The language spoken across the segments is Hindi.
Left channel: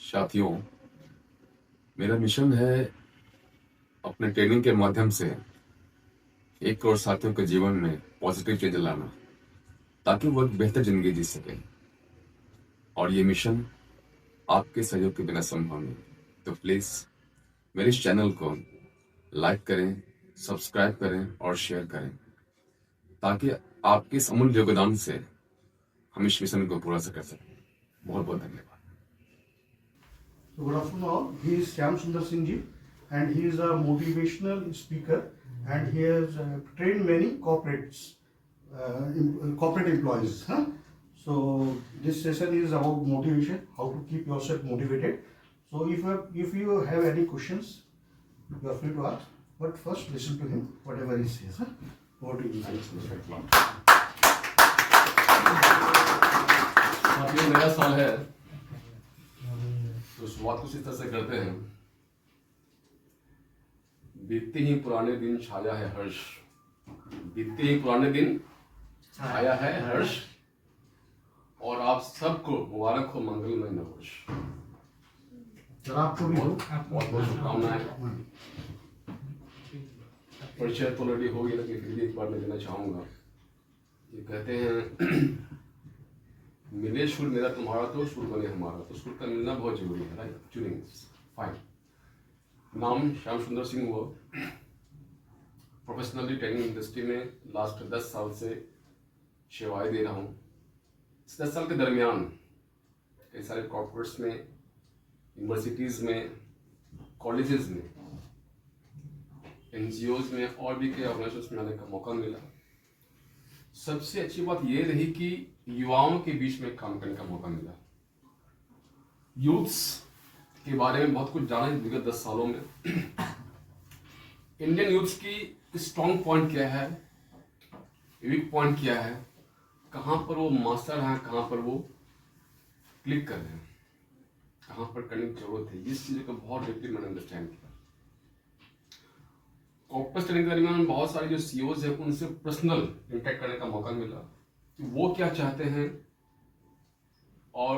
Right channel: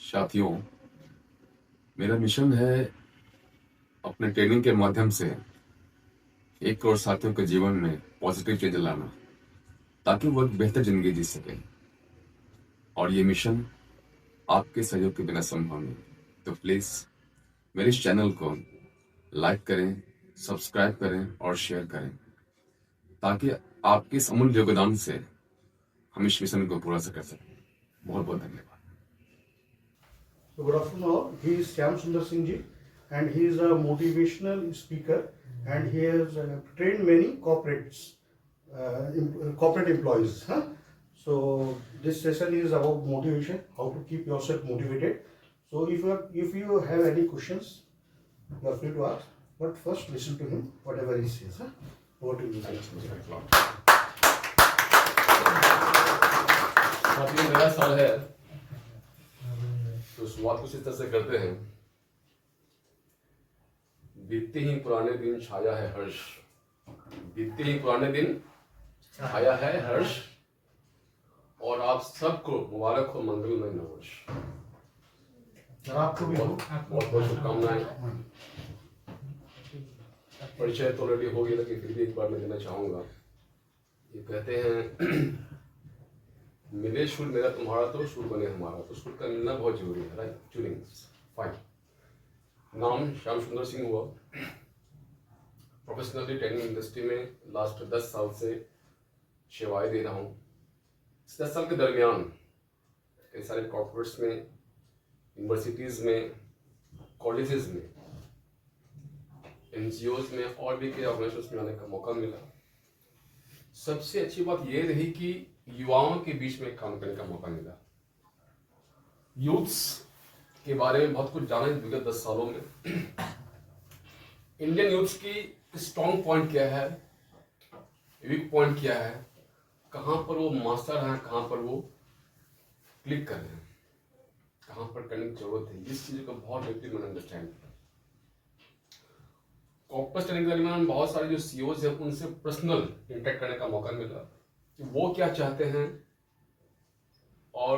साथियों, मेरा मिशन है अपने ट्रेनिंग के माध्यम से 1 करोड़ साथियों के जीवन में पॉजिटिव चेंज लाना, ताकि वो एक बेहतर जिंदगी जी सके। और ये मिशन आपके सहयोग के बिना संभव नहीं। तो प्लीज मेरे इस चैनल को लाइक करें, सब्सक्राइब करें और शेयर करें, ताकि आपके इस अमूल्य योगदान से हम इस मिशन को पूरा कर सकें। बहुत बहुत धन्यवाद। So good afternoon all. He is Shyam Sundar Singh ji, and he is a motivational speaker, and he has trained many corporate employees. Huh? So this session is about motivation, how to keep yourself motivated. So if you have any questions, you are free to ask. But first, listen to him, whatever he says. Huh? Over to you. साथियों, नया साल है तो शुरुआत कुछ इस तरह से करते हैं। बीतते ही पुराने दिन छाया है हर्ष, बीतते ही पुराने दिन छाया है हर्ष, और आप सबको मुबारक हो मंगलमय नववर्ष। आपको भी बहुत बहुत शुभकामनाएं। परिचय तो ऑलरेडी हो गया, लेकिन फिर भी एक बार मैं देना चाहूंगा। ये कहते हैं मिले सुर मेरा तुम्हारा तो सुर बने हमारा, तो सुर का मिलना बहुत जरूरी है, राइट? Tuning fine. नाम श्याम सुंदर सिंह हुआ। प्रोफेशनली ट्रेनिंग इंडस्ट्री में लास्ट 10 साल से सेवाएं दे रहा हूँ। इस 10 साल के दरमियान कई सारे कॉर्पोरेट्स में, यूनिवर्सिटीज़ में, कॉलेजेस में, NGOs में और भी कई ऑर्गेनाइजेशंस में आने का मौका मिला। सबसे अच्छी बात यह रही कि युवाओं के बीच में काम करने का मौका मिला। यूथ्स के बारे में बहुत कुछ जाना विगत 10 सालों में। इंडियन यूथ्स की स्ट्रॉन्ग पॉइंट क्या है, वीक पॉइंट क्या है, कहां पर वो मास्टर हैं, कहां पर वो क्लिक कर रहे हैं, कहां पर करने की जरूरत है। इस चीज को बहुत डीपली मैंने अंडरस्टैंड किया। कॉर्पोरेट ट्रेनिंग के दरमियान बहुत सारे जो CEOs हैं उनसे पर्सनल इंटरेक्ट करने का मौका मिला कि वो क्या चाहते हैं और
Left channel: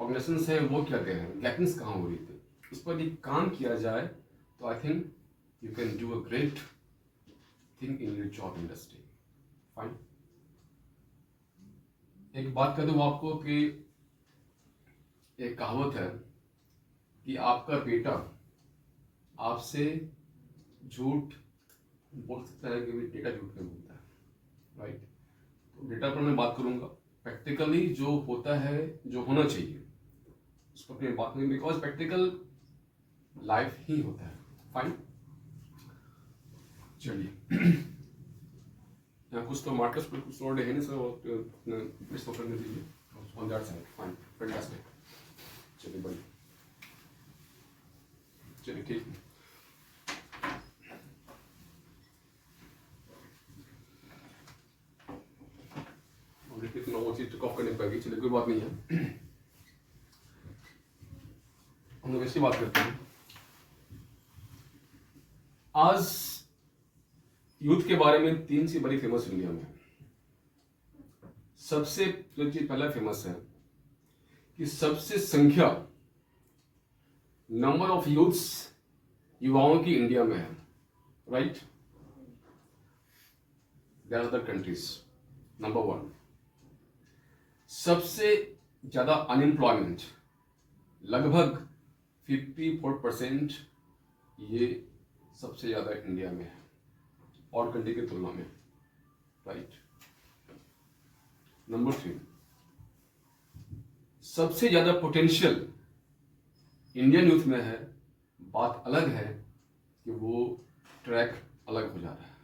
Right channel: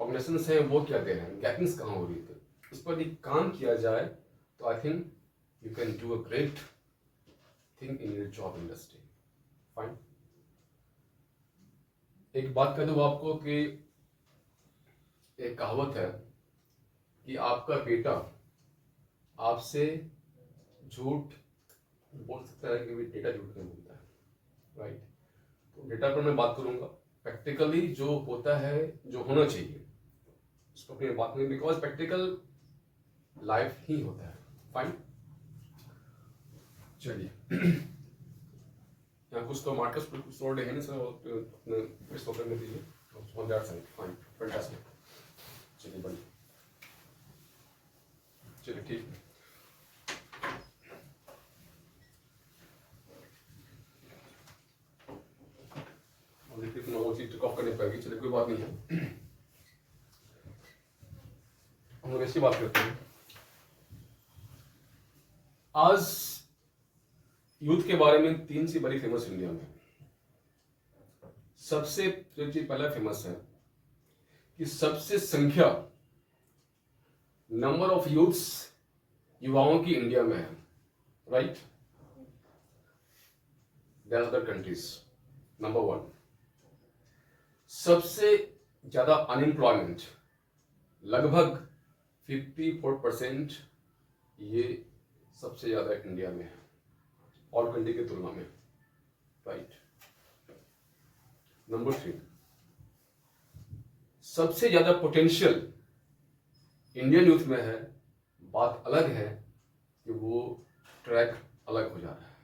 ऑर्गेनाइजेशंस हैं वो क्या कह रहे हैं, गैपिंग्स कहाँ हो रही थी। इस पर एक काम किया जाए तो I think you can do a great thing in your job industry. Fine. एक बात कह दूं आपको कि एक कहावत है कि आपका बेटा आपसे झूठ बोल सकता है कि बेटा झूठ नहीं बोलता है, राइट? तो डेटा पर मैं बात करूंगा। प्रैक्टिकली जो होता है, जो होना चाहिए, उसको अपनी बात करेंगे, बिकॉज प्रैक्टिकल लाइफ ही होता है। फाइन, चलिए। यहाँ कुछ तो मार्कस पर कुछ ऑलरेडी है नहीं सर, अपने इस पकड़ने के लिए on that side. Fine, fantastic. चलिए बढ़िया, चलिए ठीक है। वो चीज टॉप करने पाएगी, चलिए कोई बात नहीं है। हम लोग ऐसी बात करते हैं। आज यूथ के बारे में 3 सी बड़ी फेमस इंडिया में। सबसे जो चीज पहला फेमस है कि सबसे संख्या नंबर ऑफ यूथ्स युवाओं की इंडिया में है, right? There are the countries. Number 1। सबसे ज्यादा अनएम्प्लॉयमेंट, लगभग 54%, ये सबसे ज्यादा इंडिया में है और कंट्री की तुलना में, राइट? नंबर 3, सबसे ज्यादा पोटेंशियल इंडियन यूथ में है। बात अलग है कि वो ट्रैक अलग हो जा रहा है।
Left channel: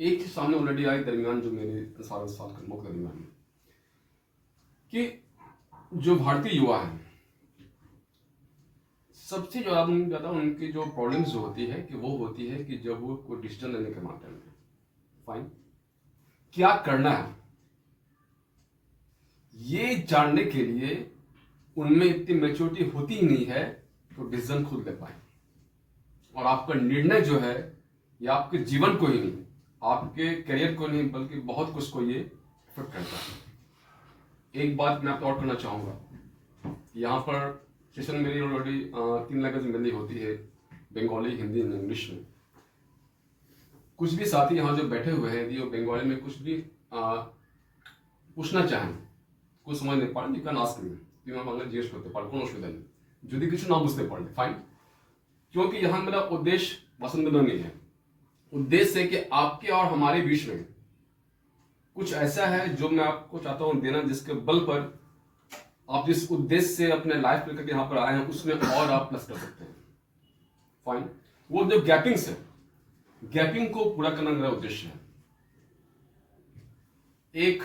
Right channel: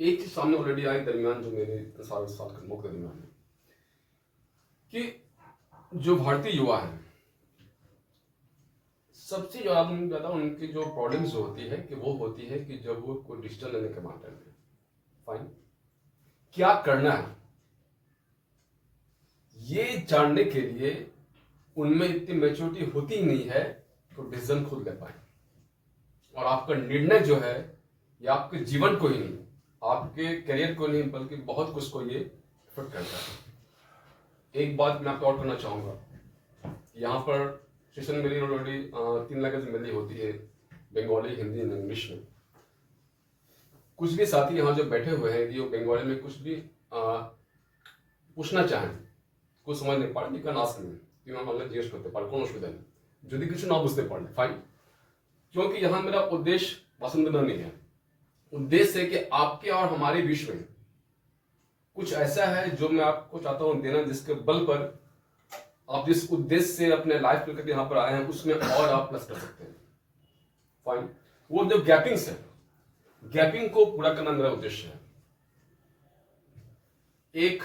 एक चीज सामने ऑलरेडी आई दरमियान, जो मैंने साल के मुख्य दरमियान में, कि जो भारतीय युवा हैं सबसे ज्यादा उनकी जो प्रॉब्लम्स जो होती है कि वो होती है कि जब वो कोई डिसीजन लेने के माध्यम में, फाइन, क्या करना है ये जानने के लिए उनमें इतनी मैच्योरिटी होती ही नहीं है तो डिसीजन खुद ले पाए। और आपका निर्णय जो है ये आपके जीवन को ही नहीं, आपके करियर को नहीं, बल्कि बहुत कुछ को ये इफेक्ट करता है। एक बात मैं आपको और करना चाहूंगा यहाँ पर सेशन मेरी ऑलरेडी 3 लैंग्वेज में मेनली होती है, बंगाली, हिंदी और इंग्लिश में। कुछ भी साथी यहाँ जो बैठे हुए हैं यदि वो बंगाली में कुछ भी पूछना चाहें, कुछ समझ नहीं पाए, यू कैन आस्क मी, मैं ऑनलाइन জিজ্ঞেস করতে পারো, কোনো অসুবিধা নেই। যদি কিছু না বুঝতে পারলে ফাइन, क्योंकि यहाँ मेरा उद्देश्य भाषण देना नहीं है। उद्देश्य है कि आपके और हमारे बीच में कुछ ऐसा है जो मैं आपको चाहता हूं देना, जिसके बल पर आप जिस उद्देश्य से अपने लाइफ लेकर के यहाँ पर आए हैं उसमें और आप प्लस कर सकते हैं। फाइन, वो जो गैपिंग्स है, गैपिंग को पूरा करना मेरा उद्देश्य है। एक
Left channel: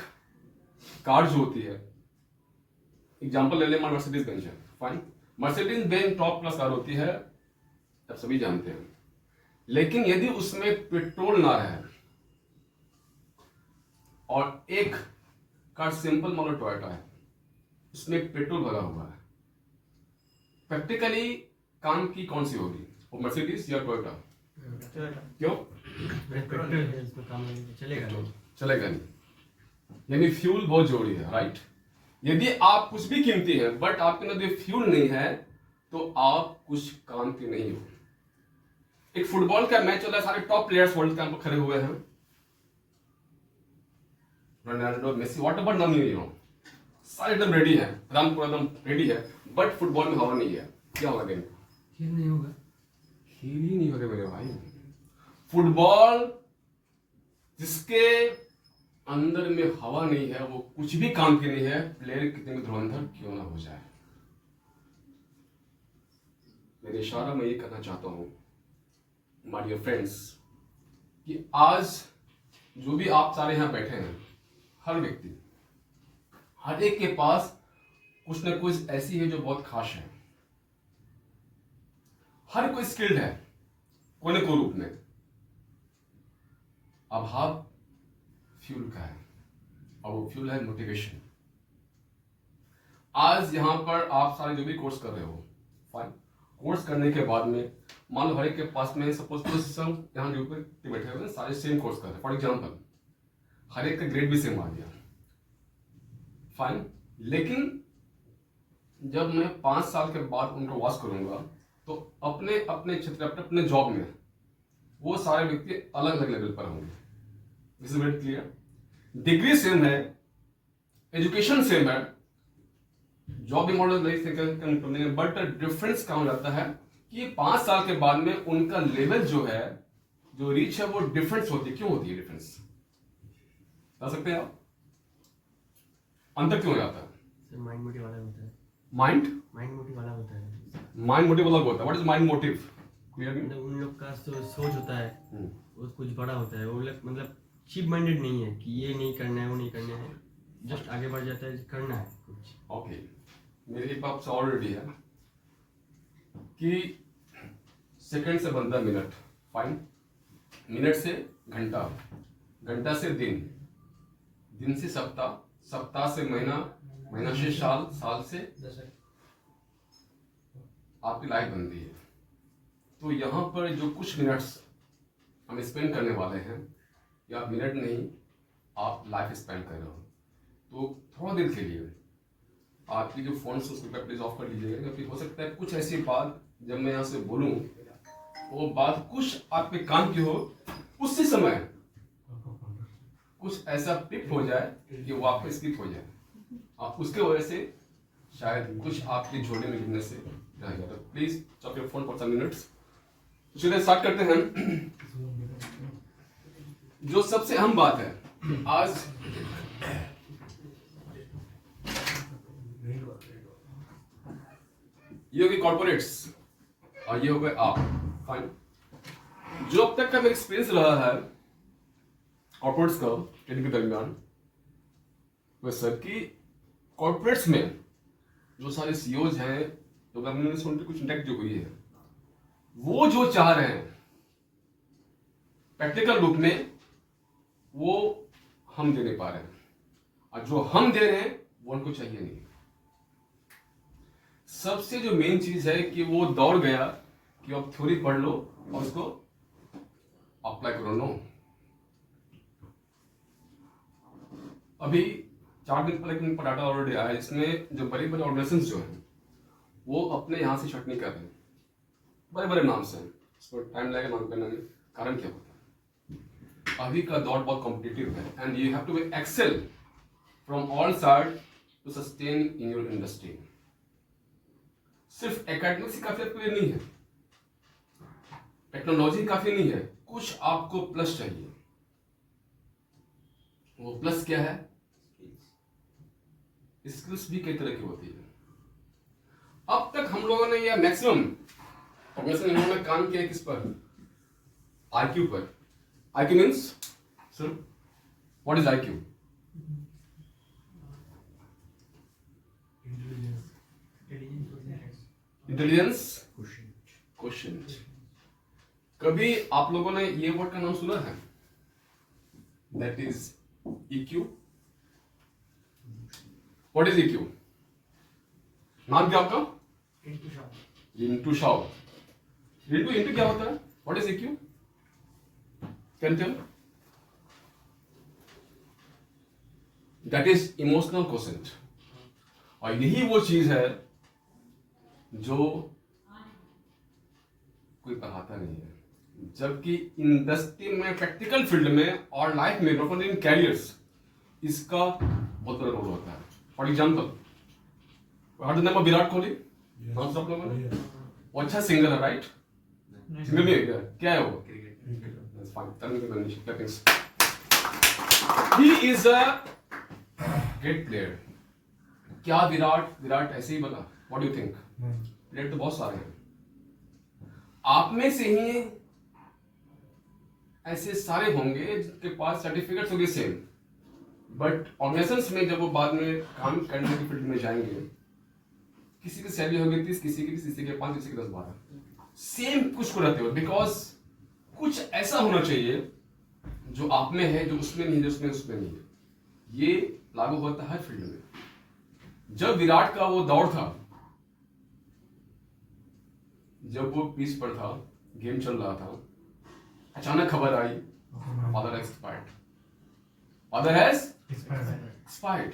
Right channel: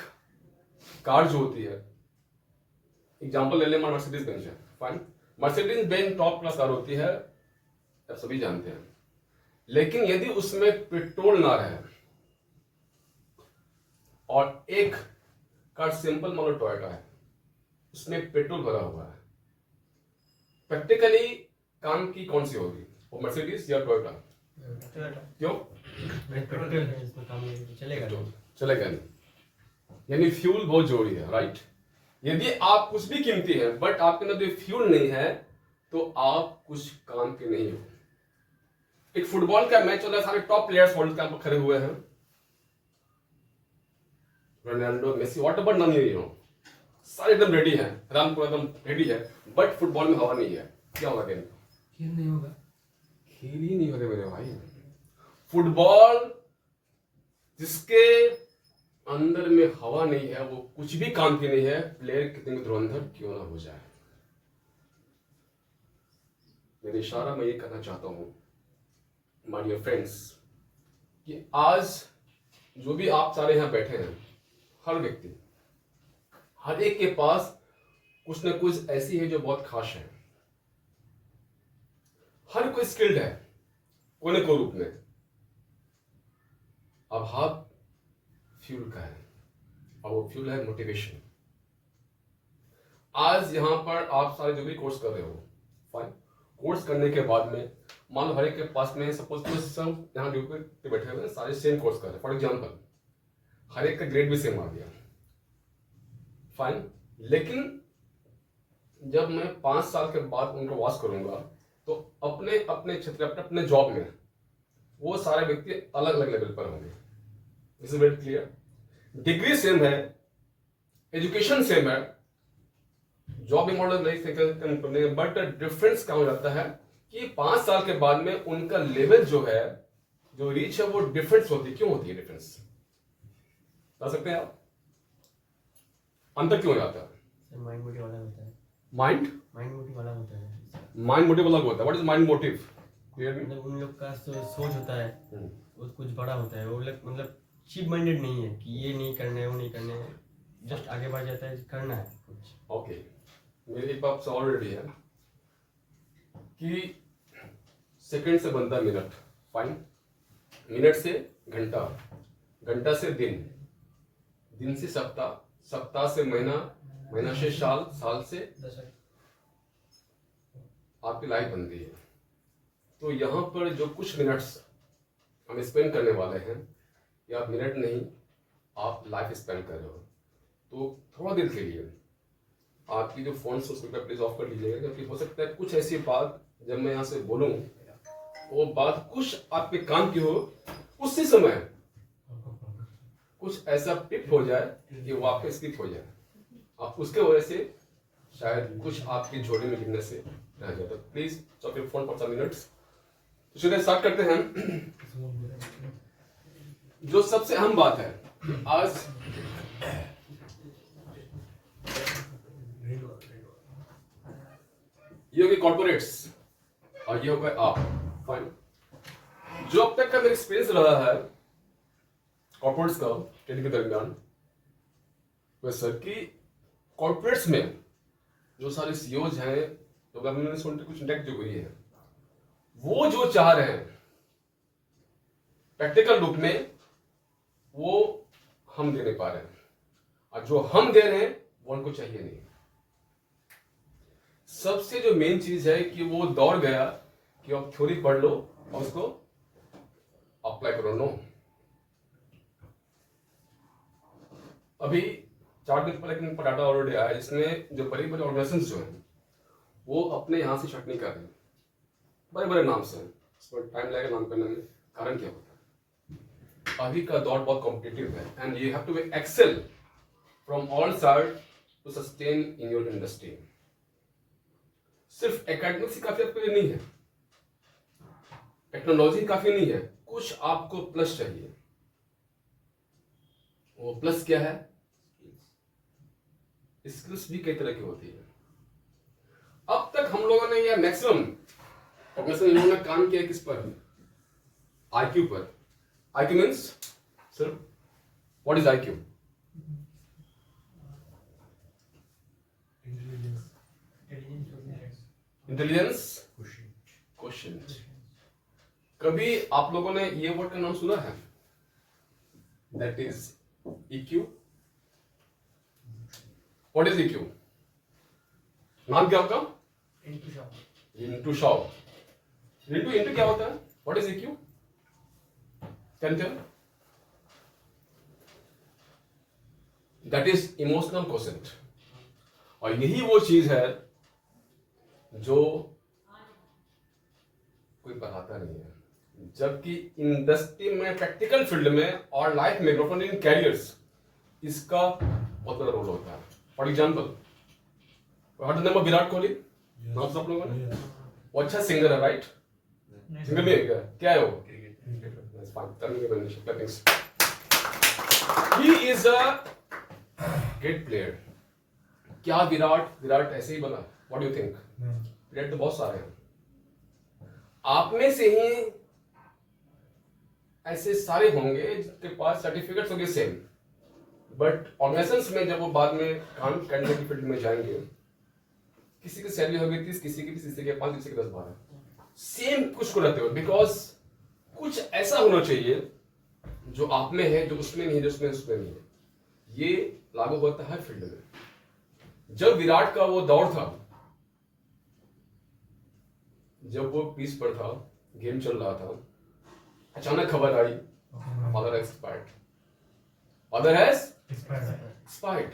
कार जो होती है, एग्जांपल ले लें, मर्सिडीज बेंज है। Fine, Mercedes Benz top class car होती है, आप सभी जानते हैं। लेकिन यदि उसमें पेट्रोल ना रहे और एक कार सिंपल मॉडल टोयोटा है, उसमें पेट्रोल भरा हुआ है, प्रैक्टिकली काम की कौन सी होगी, वो मर्सिडीज या टोयोटा? क्यों? पेट्रोल है, इसमें काम चलेगा नहीं। चलेगा नहीं, यानी फ्यूल बहुत जरूरी है, राइट? यदि आप कुछ भी कीमती है बट आपके अंदर जो फ्यूल नहीं है तो आप कुछ काम के नहीं हो। एक फुटबॉल का मैच चल रहा है, सारे टॉप प्लेयर्स वर्ल्ड कप पर खड़े हुए हैं, रोनाल्डो, मेसी, व्हाट एवर नाम नहीं हो, सारे एकदम रेडी है, रामपुर एकदम रेडी है, बट फुटबॉल में हवा नहीं है, क्या होगा गेम? खेल नहीं होगा, खेल ही नहीं होगा मेरे भाई। फुटबॉल जिसके अंदर में हवा नहीं है वो कुछ भी काम की नहीं है, प्लेयर कितने भी धुरंधर क्यों ना हो जाए। मेरे इशारा मैं ये कहना चाहता हूं माय डियर फ्रेंड्स कि आज जो भी आप सारे यहां बैठे हैं, हर व्यक्ति, हर एक के पास कुछ न कुछ ऐसी है जो बहुत खास है। हर कोई स्किल्ड है कोई न कोई रूप में। अभाव फ्यूल का है और वो फ्यूल है मोटिवेशन। आज यहां पर आप सारे जो भी कोर्स कर रहे हो, फाइन, कोर्स करने के बाद में मान लो हर एक के पास में सपोज तो सब यहाँ ग्रुप पे बैठे हुए हैं, सारे सेम कोर्स कर रहे हैं, फॉर एग्जांपल हर एक का ग्रेड भी सेम आ गया, फाइन। लेकिन जब मैं 5 साल के बाद उनको वॉच करूंगा तो अपने अपने क्षेत्र, अपने जॉब में वो सारे व्यक्ति अलग अलग लेवल पर होंगे। This is very clear. Degree same है, एजुकेशन सेम है, जॉब मॉडल नहीं, बट डिफरेंस क्या हो जाता है कि 5 साल के बाद में उनका लेवल जो है, जो रीच है, वो डिफरेंस होती है। क्यों होती है डिफरेंस, बता सकते हैं आप? अंतर क्यों हो जाता है? सर माइंड मोटिव अलग होता है। माइंड मोटिव अलग होता है। माइंड मोटिव अलग होता है। What is mind motive? मतलब उन लोग का सोच होता है वो कुछ बड़ा होता है। वो लोग मतलब चीप माइंडेड नहीं है कि ये नहीं करना है, वो नहीं करना है, जस्ट आगे बढ़ जाता है, करना है कुछ। ओके, मेरी एक बात ऑलरेडी है कि सेकंड से बनता है मिनट, फाइन, मिनट से घंटा, घंटा से दिन, दिन से सप्ताह, सप्ताह से महीना, महीना से साल, साल से आपकी लाइफ बनती है। तो यहाँ पर जो कुछ मिनट्स हम स्पेंड करने वाले हैं, या मिनट नहीं, आप लाइफ स्पेंड कर रहे हो, तो थोड़ा देर के लिए आपकी जो फोन से उसको प्लीज ऑफ कर लीजिएगा, क्योंकि हो सकता है कुछ ऐसी बात जब मैं यहाँ से बोलूँ वो बात कुछ आपके काम की हो, उसी समय कुछ ऐसा टिप हो जाए कि वो आपका स्किप हो जाए, आप उसके वजह से शायद कुछ आपकी झोली में गिरने से रह जाए। तो please choke your phone for some minutes. तो चलिए स्टार्ट करते हैं। जो सबसे अहम बात है कि आज ये हो गए कॉर्पोरेट्स और ये हो गए आप, फाइन। जो अब तक का मेरा एक्सपीरियंस रहा है कॉर्पोरेट्स का ट्रेनिंग के दरमियान, वह सर की कॉर्पोरेट्स में जो सारे सीईओज हैं, तो अगर मैंने सुन कुछ इंटैक्ट जो हुई है, वो जो चाह रहे हैं प्रैक्टिकल रूप में, वो हम दे नहीं पा रहे हैं, और जो हम दे रहे हैं वो उनको चाहिए नहीं। सबसे जो मेन चीज है कि वो दौड़ गया कि आप थ्योरी पढ़ लो और उसको अप्लाई करो। नो, अभी 4 दिन पहले डाटा ऑलरेडी आया, इसमें जो बड़ी बड़ी ऑर्गेनाइजेशंस जो है वो अपने यहाँ से शट नहीं कर रहे, बड़े बड़े नाम से हैं, इस पर टाइम लगेगा नाम करने में। कारण क्या होता है, अभी का दौर बहुत कॉम्पिटिटिव है and you have to be excel from all side to sustain in your industry. सिर्फ एकेडमिक्स ही काफी आपके लिए नहीं है, टेक्नोलॉजी काफी नहीं है, कुछ आपको प्लस चाहिए। वो प्लस क्या है? स्किल्स भी कई तरह की होती है। अब तक हम लोगों ने या मैक्सिमम इन्होंने काम किया किस पर? आईक्यू पर। IQ means sir what is IQ? Intelligence question. कभी आप लोगों ने ये वर्ड का नाम सुना है? That is EQ। What is EQ? नाम क्या होगा? Into Shaw. इंटू क्या होता है? What is EQ? Can tell? That is emotional quotient. और यही वो चीज है जो कोई पढ़ाता नहीं है, जबकि इंडस्ट्री में, प्रैक्टिकल फील्ड में और लाइफ में, ग्रोथ इन कैरियर्स, इसका बहुत बड़ा रोल होता है। फॉर एग्जाम्पल, हर नाम विराट कोहली, नाम सब लोगों ने, वो अच्छा सिंगर है, राइट? सिंगर भी है क्या है वो? He is a great player. क्या विराट ऐसे ही बना? What do you think? Player तो बहुत सारे हैं, आप में से ही ऐसे सारे होंगे जिनके पास सर्टिफिकेट्स होंगे सेम, बट ऑर्गेनाइजेशंस में जब वो बाद में काम करने की फील्ड में जाएंगे, किसी की सैलरी होगी 30, किसी की 20, किसी के 5, किसी के 10, 12, सेम कुछ को रहते हो। बिकॉज कुछ ऐसा होना चाहिए जो आप में है, जो उसमें नहीं, जो उसमें नहीं है। ये लागू होता है हर फील्ड में। जब विराट का वो दौर था, जब वो पीच पर था, गेम चल रहा था, अचानक खबर आई father expired, father has expired.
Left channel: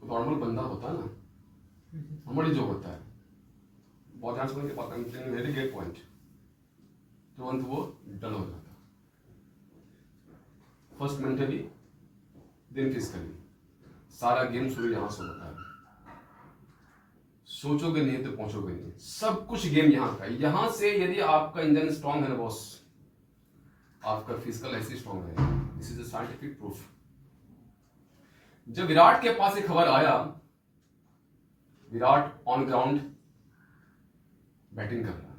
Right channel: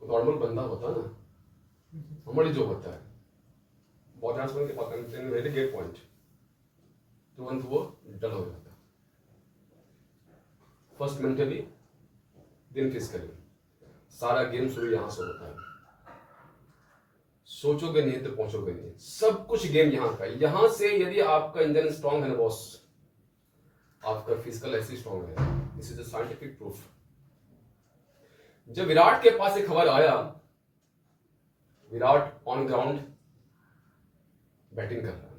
तो नॉर्मल बंदा होता है ना, नॉर्मली जो होता है, बहुत ध्यान सुनने के बाद वेरी ग्रेट पॉइंट, तुरंत वो डल हो जाता है। First mentally, then physically. सारा गेम शुरू यहां से होता है। सोचोगे नहीं तो पहुंचोगे नहीं। सब कुछ गेम यहां का। यहां से यदि आपका इंजन स्ट्रांग है ना बॉस, आपका फिजिकल ऐसे स्ट्रांग है। This is a scientific proof. जब विराट के पास एक खबर आया, विराट ऑन ग्राउंड बैटिंग कर रहा है,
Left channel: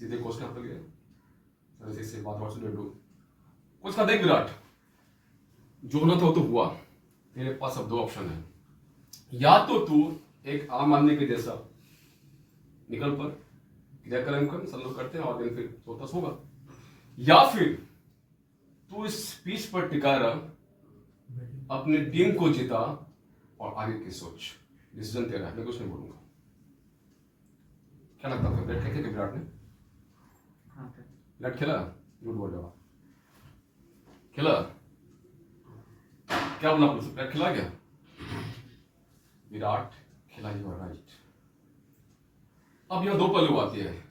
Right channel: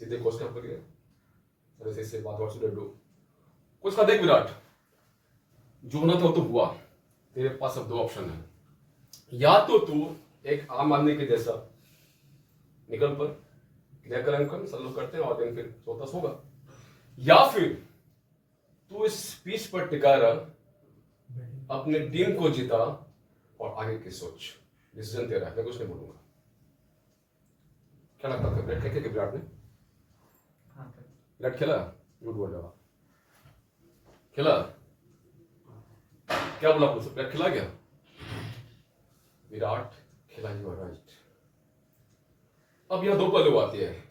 सीधे कोच के पर गए, सर ऐसे बात व्हाट शुड आई डू? कुछ का देख विराट, जो होना था वो तो हुआ, तेरे पास अब 2 ऑप्शन है। या तो तू एक आम आदमी के जैसा निकल पर क्रियाकर्म कर, सब लोग करते हैं, और दिन फिर चौथा होगा, या फिर तू इस पीच पर टिका रह, अपने टीम को जीता और आगे की सोच। डिसीजन तेरा है, मैं कुछ नहीं बोलूंगा। क्या लगता है विराट खेले? विराट ने विराट खेला? झूठ बोल रहा, खेला? क्या बोला आपने? विराट खिला गया? विराट खिला, यू आर राइट। अब यह 2 पहलू आती है।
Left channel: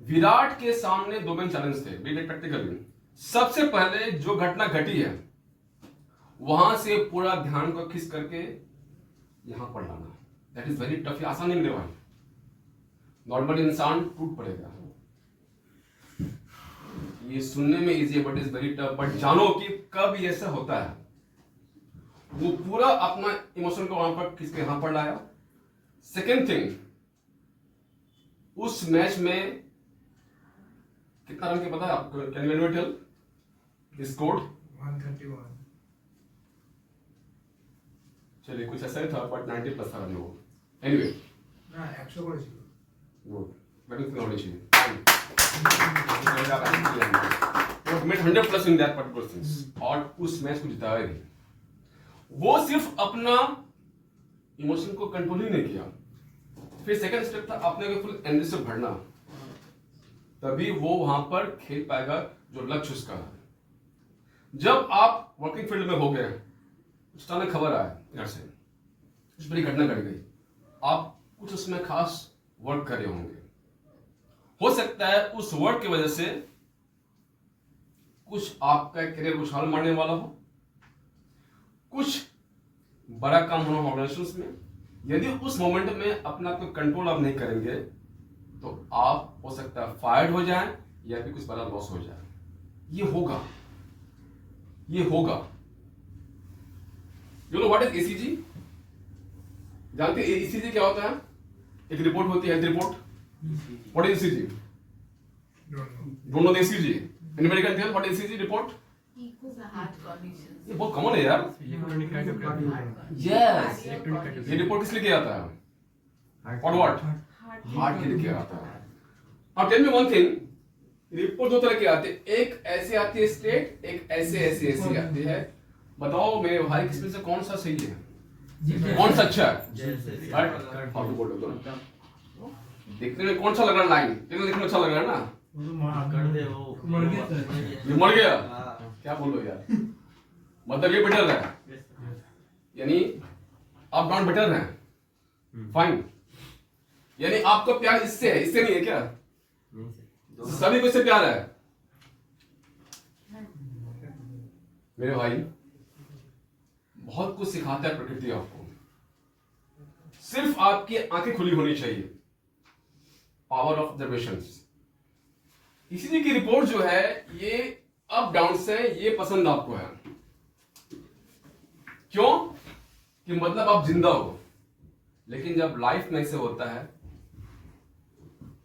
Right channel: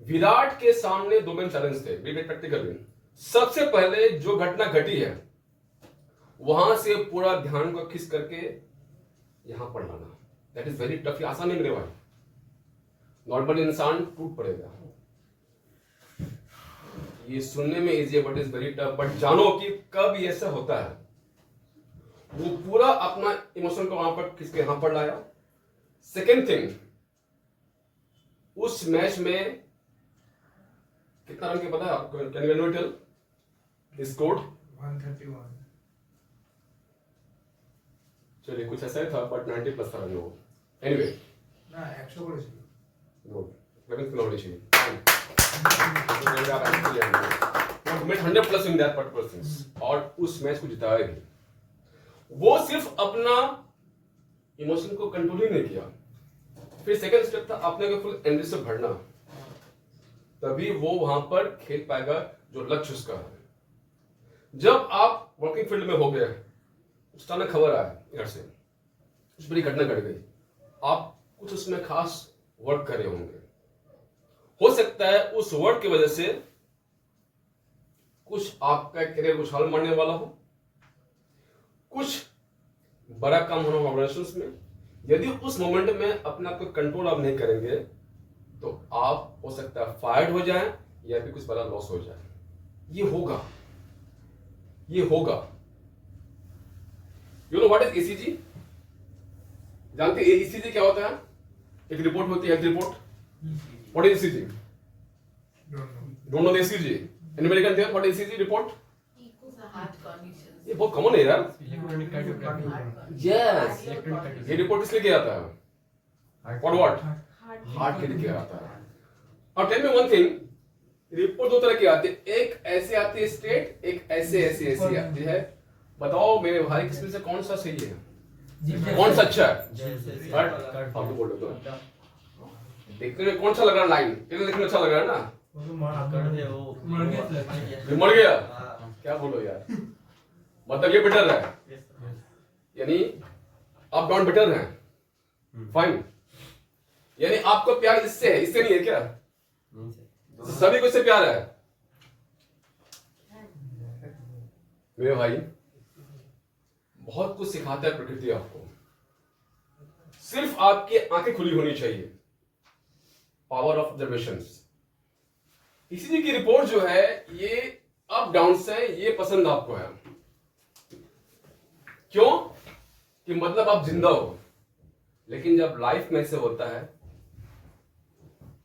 विराट के सामने 2 मेन चैलेंज थे, बी प्रैक्टिकल में। सबसे पहले जो घटना घटी है, वहां से पूरा ध्यान को खींच करके यहां पर लाना, दैट इज वेरी टफ। आसान नहीं भाई, नॉर्मल इंसान टूट पड़ेगा। ये सुनने में इजी है but is very tough. But जानो कि कब ऐसा होता है, वो पूरा अपना इमोशन को वहां पर खींच के यहां पर लाया। सेकेंड थिंग, उस मैच में कितना रन के पता है आपको? Can you tell? स्कोर 131। चलिए कुछ ऐसा ही था, बट 90 प्लस था वो। एनीवे, ना 100 করেছিল। गुड, बैटिंग फुल होनी चाहिए। वो made 100 plus in that particular sense, और उस मैच को जिताया भी। वो सिर्फ अपना इमोशन को कंट्रोल ही नहीं किया। फिर सेकंड स्टेप था अपने को फुल एनर्जी से भरना, तभी वो वहां पर खेल पाएगा जो लक्ष्य उसका है। जब आप वर्किंग फील्ड में हो गए, अचानक खबर आया घर से, कुछ बड़ी घटना घट गई, आप कुछ उसमें खास वर्क करे होंगे, हो सकता है उस वर्क की वजह से कुछ आपका करियर उछाल मारने वाला हो, कुछ बड़ा काम होना ऑर्गेनाइजेशंस में। यदि उस मोमेंट में अपने आप को कंट्रोल आप नहीं करेंगे तो आप हो सकता है फायर्ड हो जाए या फिर कुछ बड़ा लॉस हो जाए। ये होगा, ये होगा। You know what is ECG? जानते हैं ईसीजी क्या होता है? एक रिपोर्ट होती है, health report. What is ECG? Don't know the ECG? Anybody can tell what is ECG report? ये बहुत कॉमन है यार। Electronic cardiography. यस, इलेक्ट्रॉनिक ये रिपोर्ट किस लिए किया आता है? For what? हार्ट के लिए किया आता है। और tell me one thing, report दो तरह की आती है, एक ऐसे आती है स्ट्रेट, एक ऐसे आती है। बताओ मेरे भाई किसमें से कौन सा सही है, कौन सा अच्छा है? बट आप बोल दो, देखने में कौन सा लग रहा है? लाइन देखने में अच्छा लग रहा है ना? कर दे वो ये मर गया, क्या बोलो यार, मतलब ये बेटर है, यानी आप डाउन बेटर है, फाइन। यानी आपको प्यार इससे है, इससे नहीं है क्या? सभी को इससे प्यार है। मेरे भाई बहुत कुछ सिखाता है प्रकृति आपको, सिर्फ आपकी आंखें खुली होनी चाहिए। Power of observation. इसी की रिपोर्ट जो है ये अप डाउन से ये पसंद आपको है। क्यों? कि मतलब आप जिंदा हो, लेकिन जब लाइफ में ऐसे होता है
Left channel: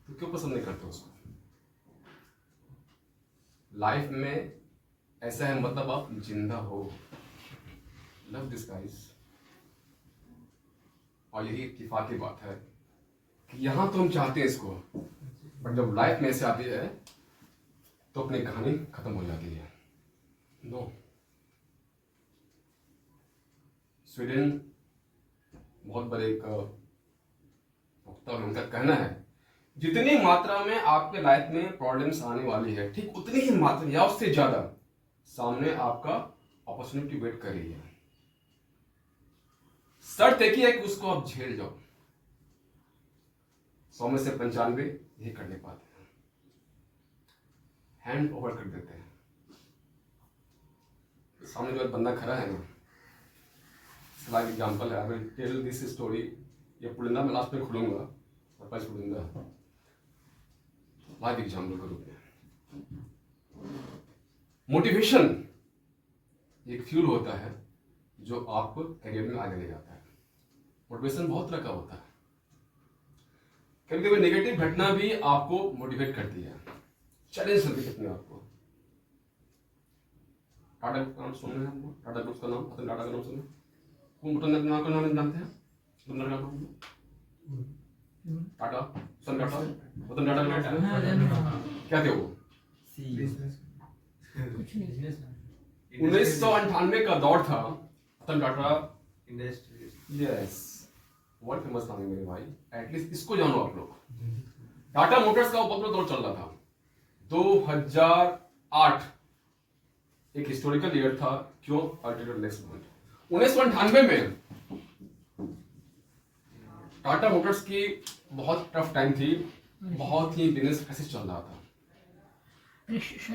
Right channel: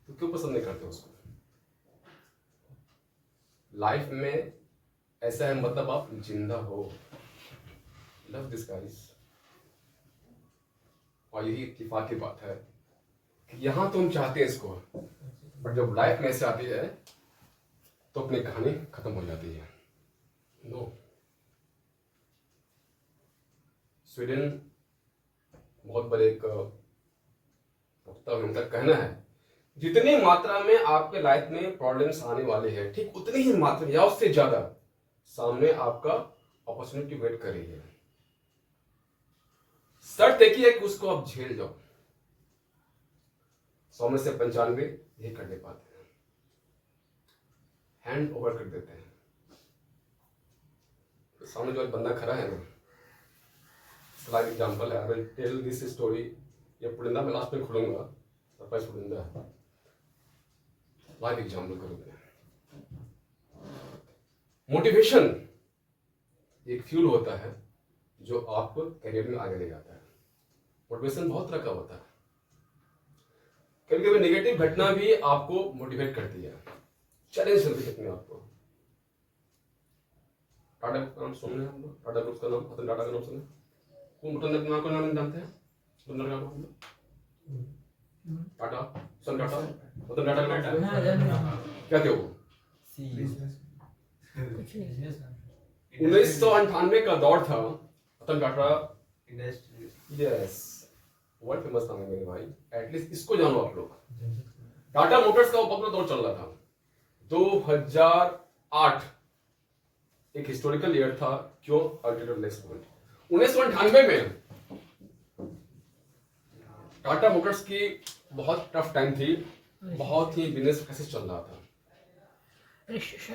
तो क्यों पसंद नहीं करते उसको? लाइफ में ऐसा है मतलब आप जिंदा हो। Love this guys. और यही इत्तेफाक की बात है कि यहां तो हम चाहते हैं इसको, बट जब लाइफ में ऐसे आती है तो अपनी कहानी खत्म हो जाती है। नो। स्वीडन बहुत बड़े एक वक्ता, उनका कहना है जितनी मात्रा में आपके लाइफ में प्रॉब्लम्स आने वाली है, ठीक उतनी ही मात्रा या उससे ज्यादा सामने आपका अपॉर्चुनिटी वेट कर रही है। शर्त एक ही है कि उसको आप झेल जाओ। 100 में से 95 यही कर नहीं पाते हैं, हैंड ओवर कर देते हैं। तो सामने जो एक बंदा खड़ा है ना, लाइव एग्जांपल है। I will tell this story. ये पुलिंदा में लास्ट में खुलूंगा, सरपंच पुलिंदा लाइव एग्जांपल करूंगा। मोटिवेशन एक फ्यूल होता है जो आपको करियर में आगे ले जाता है। मोटिवेशन बहुत तरह का होता है। कभी कभी नेगेटिव घटना भी आपको मोटिवेट करती है, चैलेंज करती है अपने आपको। टाटा का नाम सुन रहे हैं हम लोग? टाटा ग्रुप का नाम, रतन टाटा का नाम सुने? कौन रतन टाटा का नाम जानते हैं? रतन टाटा को टाटा, रतन टाटा, रतन टाटा का नाम क्या थे वो? 1998 का दौर था, Ratan Tata yes world famous नाम है मेरे भाई, एटलीस्ट इसको जानो आप लोग। टाटा मोटर्स का पॉपुलर दौर चल रहा था। 2008 एक हिस्टोरिकल ईयर था। क्यों? Altitude next point. 1998 में टाटा मोटर्स की बहुत टफ टाइम थी, बहुत ही बिजनेस क्राइसिस चल रहा था।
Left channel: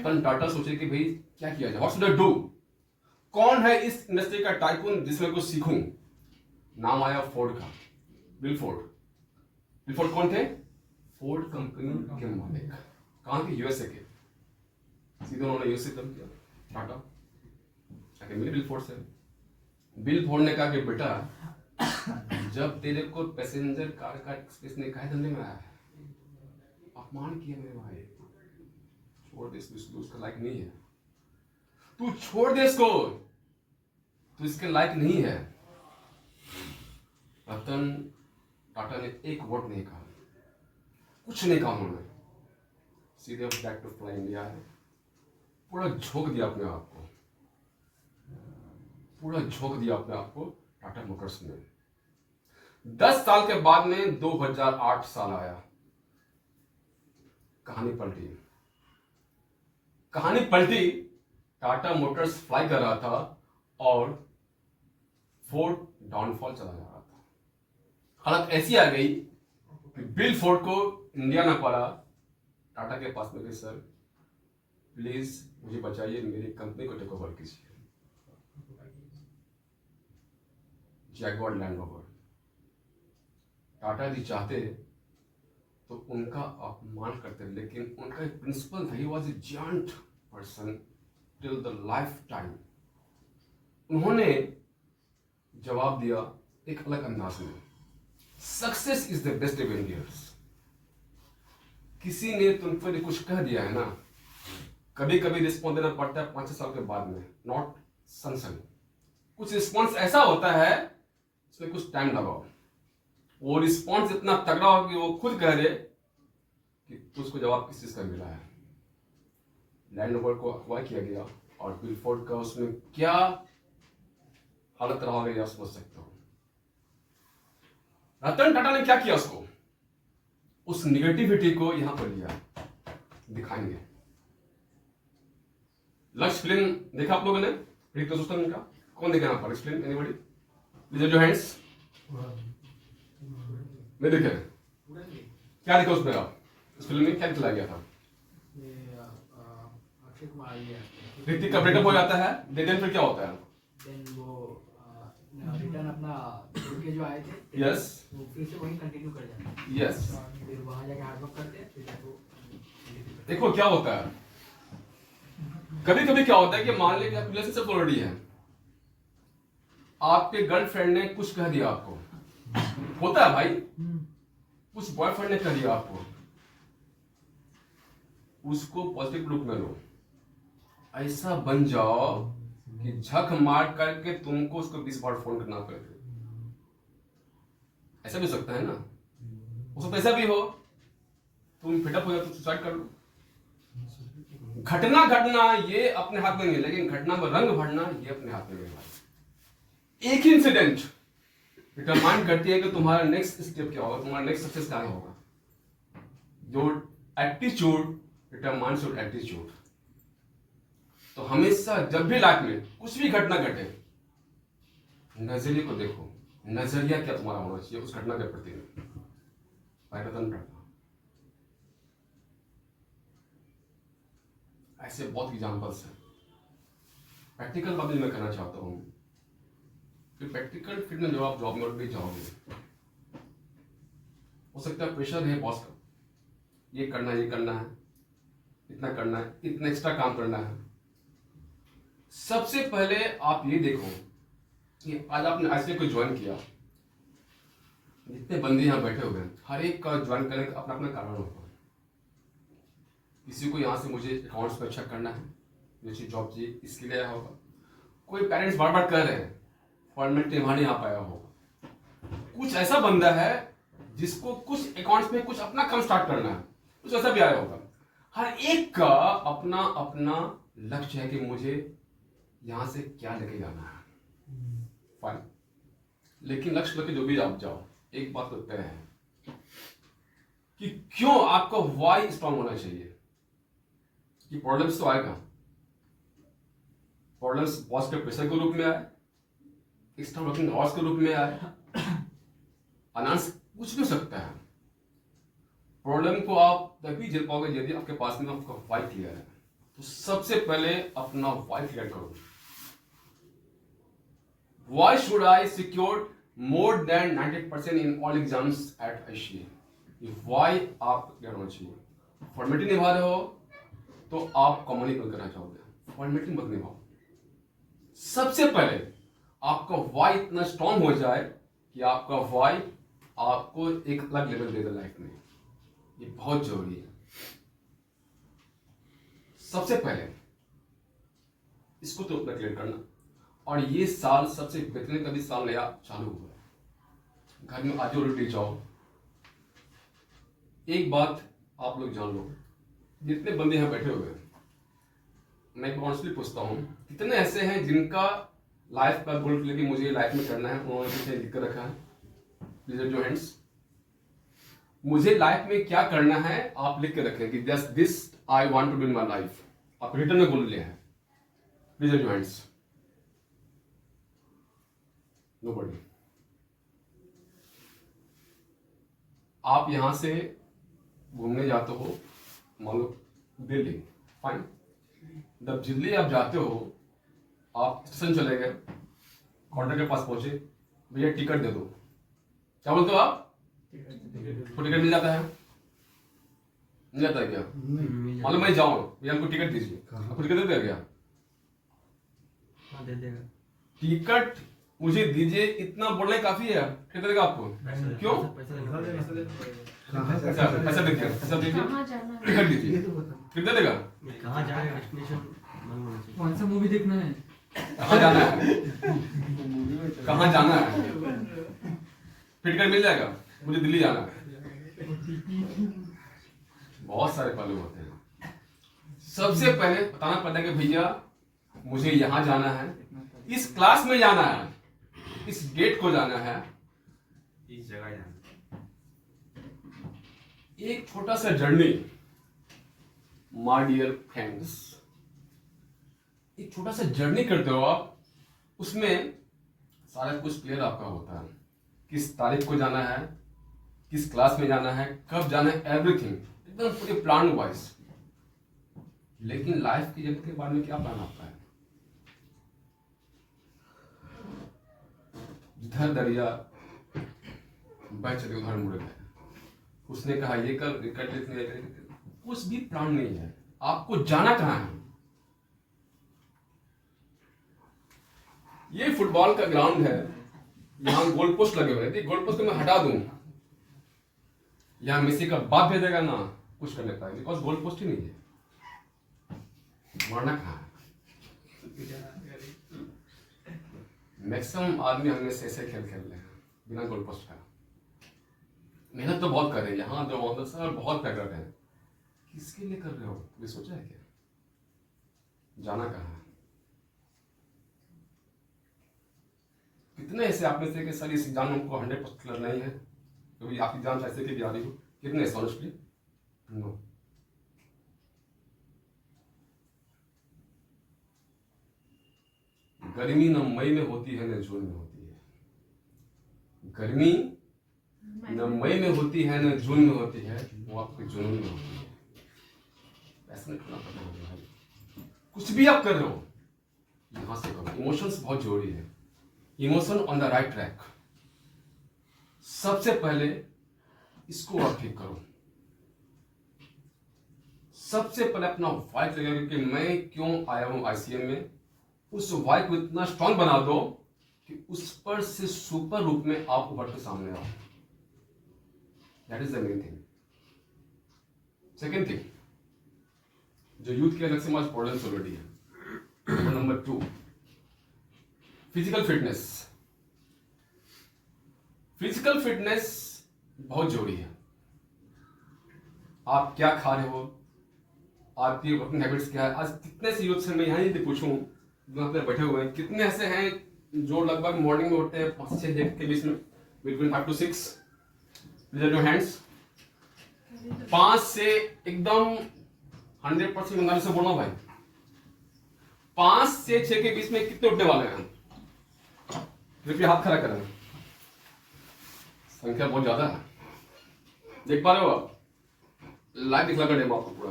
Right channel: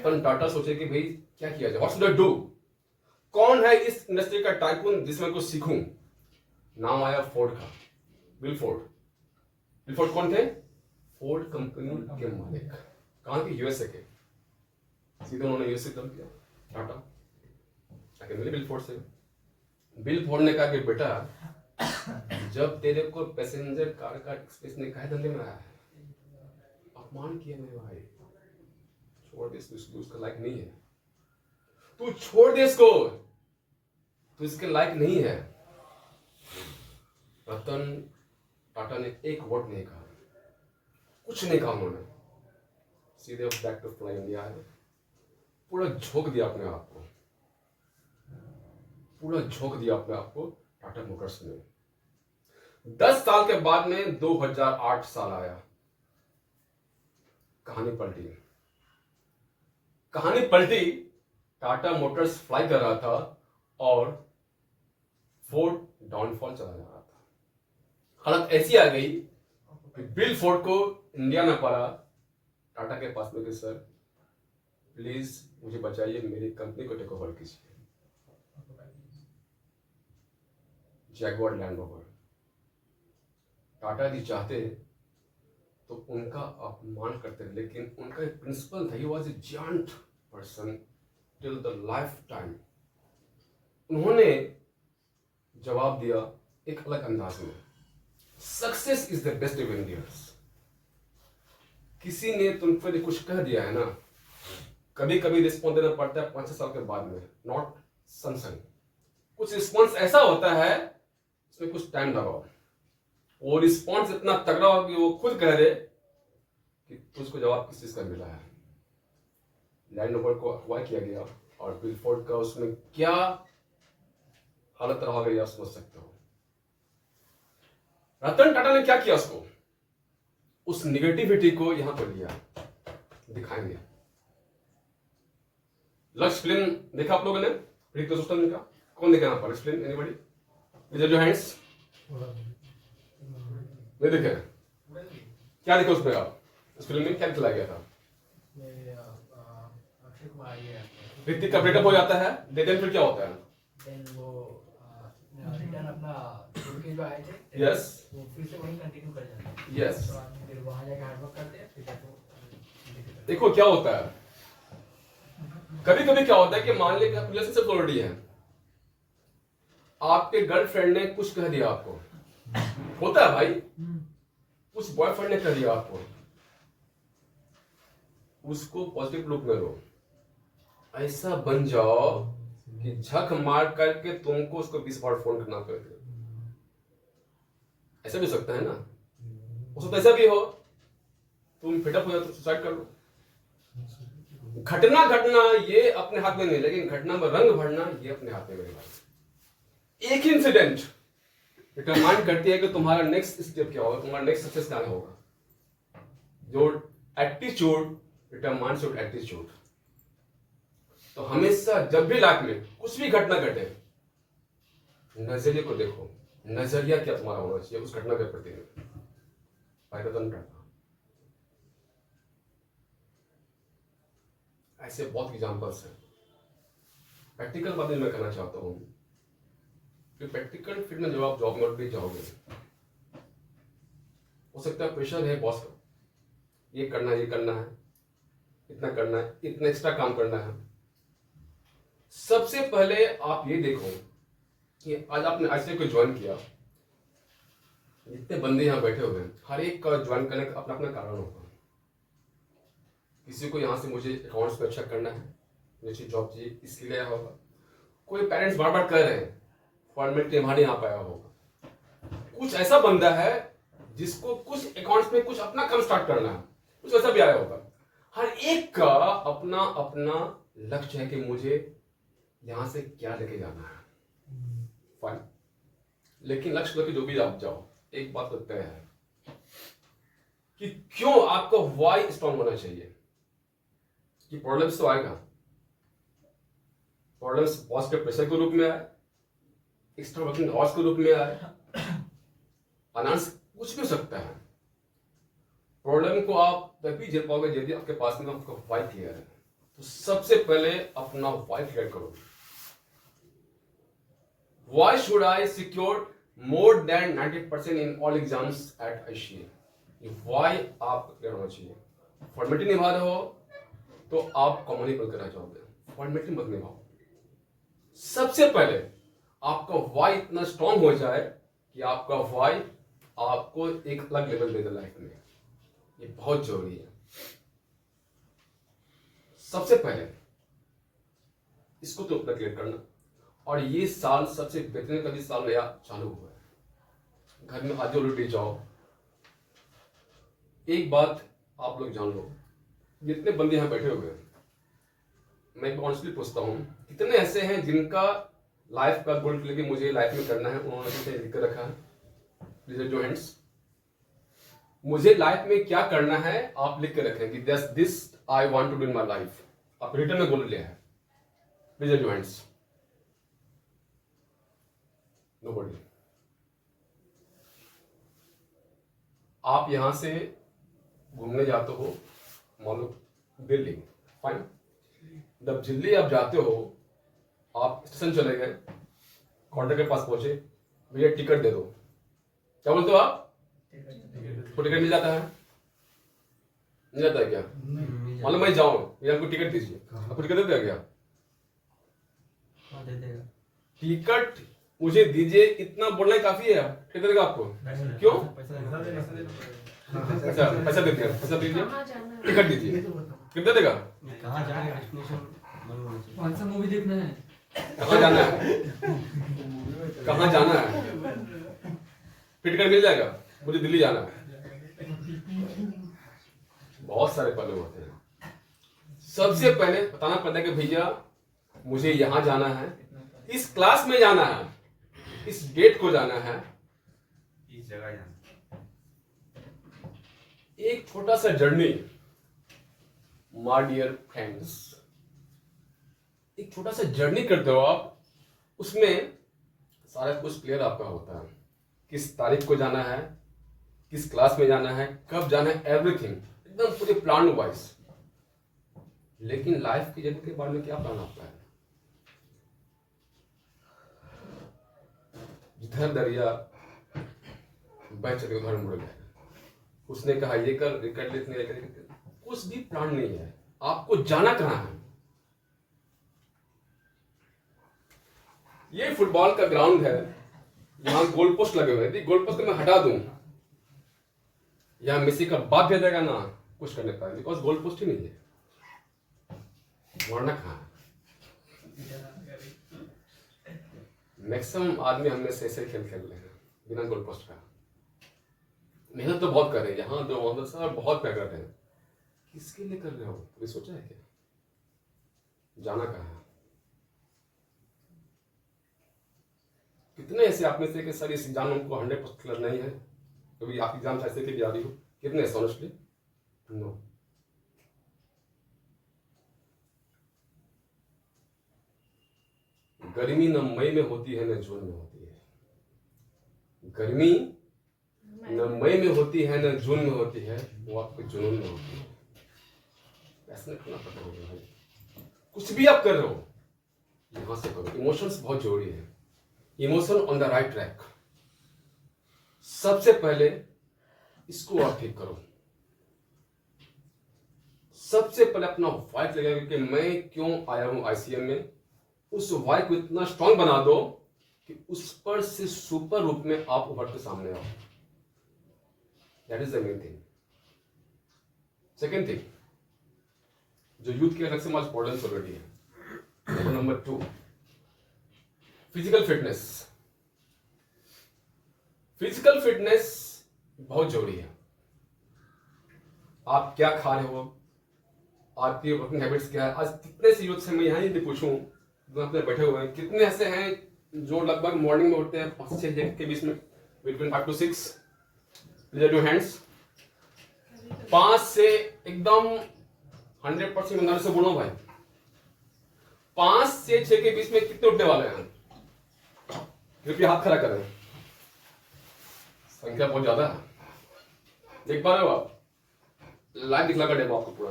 तो टाटा सोचे कि भाई क्या किया जाए, व्हाट शुड आई डू? कौन है इस इंडस्ट्री का टाइकून जिसमें कुछ सीखूं? नाम आया फोर्ड का, बिल फोर्ड। बिल फोर्ड कौन थे? फोर्ड कंपनी के मालिक। कहां थे? यूएसए के। सीधे उन्होंने यूएसए कर किया टाटा, आगे मिले बिल फोर्ड से। बिल फोर्ड ने कहा कि बेटा जब तेरे को पैसेंजर कार का एक्सप्रेस ने कहा धंधे में आया है, अपमान किया मेरे भाई, छोड़ दे इसको, उसका लायक नहीं है। तू छोड़ दे इसको, तो इसके लायक नहीं है। रतन टाटा ने एक वर्ड नहीं कहा, कुछ नहीं कहा उन्होंने, सीधे बैक टू फ्लाई इंडिया है। पूरा झोंक दिया अपने आप को, पूरा झोंक दिया अपने आप को टाटा मोटर्स में। 10 साल के बाद में 2008 साल आया, कहानी पलटी। कहानी पलटी, टाटा मोटर्स फ्लाई कर रहा था और फोर्ड डाउनफॉल चला जा रहा था। हालत ऐसी आ गई कि बिल फोर्ड को इंडिया में पड़ा, टाटा के पास में कि सर प्लीज मुझे बचाइए, मेरी कंपनी को टेक ओवर कीजिए। जैगुआर लैंड रोवर, टाटा जी चाहते तो उनका अपमान करते, लेकिन उनका एक प्रिंसिपल था, he was a giant person till the life time. उन्होंने जवाब दिया एक अलग अंदाज में, success is the best of Indians. किसी ने तुमको जो कुछ कह दिया है ना, कभी कभी रिस्पॉन्स देना पड़ता है 5-6 साल के बाद में, नॉट सन। कुछ रिस्पॉन्स ऐसा होता है उसमें कुछ टाइम लगाओ, वो रिस्पॉन्स इतना तगड़ा हो कि वो खुद कह दे कि तुझको जवाब किस चीज का मिला है। लैंड रोवर को अक्वायर किया गया और बिल फोर्ड का उसमें क्या हालत रहा होगा, यह समझ सकते हो। रतन टाटा ने क्या किया, उसको उस निगेटिविटी को यहां पर लिया, दिखाएंगे। लक्ष्य फिल्म देखा आप लोगों ने, ऋतिक रोशन ने, कौन देखा यहां पर इस film? Anybody with your hands? नहीं देखे? क्या देखा उसमें आप? उस फिल्म में क्या चला गया था? अक्षय कुमार ये ऋतिक का ब्रेकअप हो जाता है, देन फिर क्या होता है? देन वो रिटर्न अपना छोड़ के जो आए थे, Yes. वो फिर से वहीं कंटिन्यू कर जाते हैं। Yes. तो आदमी फिर वहां जाके हार्ड वर्क करते हैं, फिर जाके वो देखो क्या होता है, कभी कभी क्या होता है कि मान लें कि आप रिलेशनशिप ऑलरेडी है, आपके गर्लफ्रेंड ने कुछ कह दिया आपको, होता है भाई, उस बॉयफ्रेंड ने कह दिया आपको, उसको पॉजिटिव लुक में लो, ऐसा बन जाओ कि झक मार करके तुमको उसको 20 बार फोन करना पड़े। ऐसा भी हो सकता है ना, हो सकता है ऐसा भी हो, तुम फिटअप हो जाए तो सुसाइड कर लो। घटना ये अपने हाथ में नहीं, लेकिन घटना में रंग भरना ये अपने हाथ में रहेगा। एक इंसिडेंट डिटरमाइन करती है कि तुम्हारा नेक्स्ट स्टेप क्या होगा, तुम्हारा नेक्स्ट सक्सेस क्या होगा। जो एटीट्यूड डिटरमाइंस योर एटीट्यूड। तो हमेशा जब भी लाइफ में कुछ भी घटना घटे, नजरिए को देखो, नजरिया क्या तुम्हारा होना चाहिए उस घटना के प्रति में। रतन टाटा, ऐसे बहुत एग्जांपल्स हैं। प्रैक्टिकल बात मैं करना चाहता हूं कि प्रैक्टिकल फील्ड में जब आप जॉब में जाओगे, हो सकता है प्रेशर है बॉस का, ये करना है, इतना करना है, इतना एक्स्ट्रा काम करना है। सबसे पहले आप ये देखो कि आज आपने आईसीयू को ज्वाइन किया, जितने बंदे यहां बैठे हुए हैं, हर एक का ज्वाइन करने का अपना अपना कारण होगा। किसी को यहां से मुझे अकाउंट्स में अच्छा करना है, मुझे जॉब चाहिए, इसके लिए आया होगा। कोई पेरेंट्स बार बार कह रहे हैं फॉर्मेलिटी वहां नहीं आ पाया होगा। कुछ ऐसा बंदा है जिसको कुछ अकाउंट्स में कुछ अपना काम स्टार्ट करना है, कुछ ऐसा भी आया होगा। हर एक का अपना अपना लक्ष्य है कि मुझे यहां से क्या लेके जाना है। फाइन, लेकिन लक्ष्य लेके जो भी आप जाओ, एक बात तो तय है कि क्यों आपका वाई स्ट्रांग होना चाहिए। कि प्रॉब्लम्स तो आएगा, प्रॉब्लम्स बॉस के प्रेशर के रूप में आए, एक्स्ट्रा वर्किंग आवर्स के रूप में आए, अनाउंस कुछ भी हो सकता है। प्रॉब्लम को आप तभी झेल पाओगे यदि आपके पास में आपका वाई क्लियर है। तो सबसे पहले अपना वाई क्लियर करो। Why should I secure more than 90% in all exams at ICA? ये why आप क्लियर होना चाहिए। फॉर्मेलिटी निभा रहे हो तो आप कम्युनिकेट करना चाहोगे, फॉर्मेलिटी मत निभाओ। सबसे पहले आपका वाई इतना स्ट्रांग हो जाए कि आपका वाई आपको एक अलग लेवल देगा लाइफ में। ये बहुत जरूरी है। सबसे पहले इसको तो अपना क्लियर करना। और ये साल सबसे बेहतरीन कभी साल नया चालू हुआ है। घर में आज रोटी जाओ। एक बात आप लोग जान लो, जितने बंदे यहां बैठे हुए हैं, मैं एक ऑनेस्टली पूछता हूं, कितने ऐसे हैं जिनका लाइफ का गोल लेके मुझे लाइफ में करना है, उन्होंने कितने लिख कर रखा है? Please raise your hands. मुझे लाइफ में क्या करना है आप लिख के रखें कि just this I want to do in my life. आप रिटर्न में गोल लिया है। Please raise your hands. Nobody. आप यहाँ से घूमने जाते हो, मान लो दिल्ली, फाइन। जब दिल्ली आप जाते हो, आप स्टेशन चले गए, काउंटर के पास पहुंचे, भैया टिकट दे दो, क्या बोलते हो आप? तो टिकट मिल जाता है? मिल जाता है क्या? मान लो मैं जाऊँ, भैया हमको टिकट दीजिए, आपको टिकट दे दिया गया? हाँ दे देगा। टिकट मुझे दीजिए इतना बोलना ही काफी है, टिकट देगा आपको? क्यों? पैसा दे दिया, पैसा दे दिया, टिकट दीजिए, कितना देगा? कहाँ जा रहे हैं, डेस्टिनेशन मालूम होना चाहिए। कौन सा मूवी देखना है? कहाँ जाना है? कहाँ जाना है? फिर टिकट मिल जाएगा, मुझे दिल्ली जाना है। बहुत सारे पहलू होते हैं। सबसे पहले बताना पड़ता है कि भैया मुझे यहाँ जाना है, इस क्लास में जाना है, इस गेट को जाना है, इस जगह जाना। एक छोटा सा जर्नी, माय डियर फ्रेंड्स, एक छोटा सा जर्नी करते हो आप, उसमें सारा कुछ क्लियर आपका होता है, किस तारीख को जाना है, किस क्लास में जाना है, कब जाना है, एवरीथिंग एकदम पूरे प्लान वाइज। लेकिन लाइफ की जर्नी के बारे में क्या प्लान आपका है? जिधर दरिया बह चले उधर मुड़ गए, उसने कहा ये कर, ये कर, इतने कुछ भी प्लान नहीं है, आपको जाना कहाँ है? ये फुटबॉल का ग्राउंड है, यहाँ गोल पोस्ट लगे हुए हैं, गोल पोस्ट को मैं हटा दूं, यहाँ मेसी का बाप भेजेगा ना कुछ करने पाए, बिकॉज गोल पोस्ट ही नहीं है। वरना कहाँ है? मैक्सिमम आदमी हमेशा ऐसे खेल खेल रहे हैं बिना गोल पोस्ट का। मेहनत तो बहुत कर रहे हैं, यहाँ दो वहां सर बहुत मेहनत कर रहे हैं, किसके लिए कर रहे हो? कभी सोचा है क्या? जाना कहाँ है? कितने ऐसे आप में से कि सर इस एग्जाम में हमको 100% करना ही है, कभी आप एग्जाम ऐसे की तैयारी हो? कितने ऐसे ऑनेस्टली? नो। गर्मी न मई में होती है न जून में होती है, गर्मी न मई में होती है न जून में होती है, वो आपके जुनून में होती है। ऐसा नहीं करना पड़ता है भाई, कुछ भी आप कर रहे हो यहां से करो। इमोशंस बहुत जरूरी है, emotion on the right track. सबसे पहले इसको आप ठीक करो, सबसे पहले अपना वाइफ लगेगा कि मैं क्यों आया हूं आईसीएम में, उस वाइफ को इतना स्ट्रांग बना दो कि उस पर से सुपर रूप में आप उभर के सामने आओ। That is the main thing. Second thing, जो यूथ के अलग से आज प्रॉब्लम्स ऑलरेडी है, number 2, physical fitness. Physical fitness बहुत जरूरी है। आप क्या खा रहे हो, आपकी वर्किंग हैबिट्स क्या है? आज कितने से यूथ से मैं यहाँ ही पूछूं, जो बैठे हुए हैं, कितने ऐसे हैं जो लगभग मॉर्निंग में उठते हैं 5-6 के बीच में, बिटवीन 5 to 6, जो हैंड्स 5 से एकदम 100% ईमानदारी से बोलो भाई, 5 से 6 के बीच में कितने उठने वाले हैं? कृपया हाथ खड़ा करें, संख्या बहुत ज्यादा है। देख पा रहे हो आप? लाइव दिखला कर डेमो आपको पूरा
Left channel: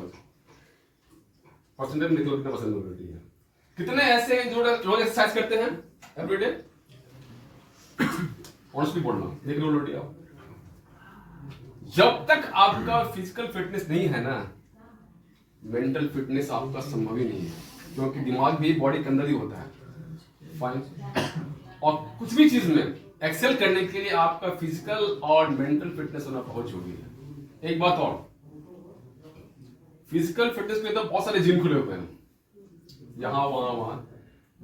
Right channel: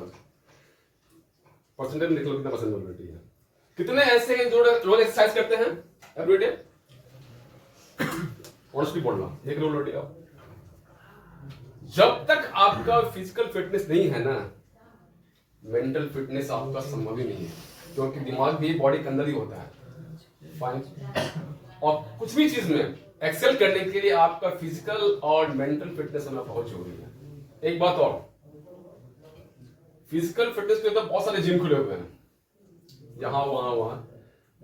परसेंटेज निकलो, कितना परसेंटेज है। कितने ऐसे हैं जो रोज एक्सरसाइज करते हैं एवरीडे? ऑनेस्टली बोलना, देख लो लोटी आप। जब तक आपका फिजिकल फिटनेस नहीं है ना, मेंटल फिटनेस आपका संभव ही नहीं है, क्योंकि दिमाग भी बॉडी के अंदर ही होता है। फाइन। और कुछ भी चीज में एक्सेल करने के लिए आपका फिजिकल और मेंटल फिटनेस होना बहुत जरूरी है। एक बात और, फिजिकल फिटनेस के लिए तो बहुत सारे जिम खुले हुए हैं, यहाँ वहां।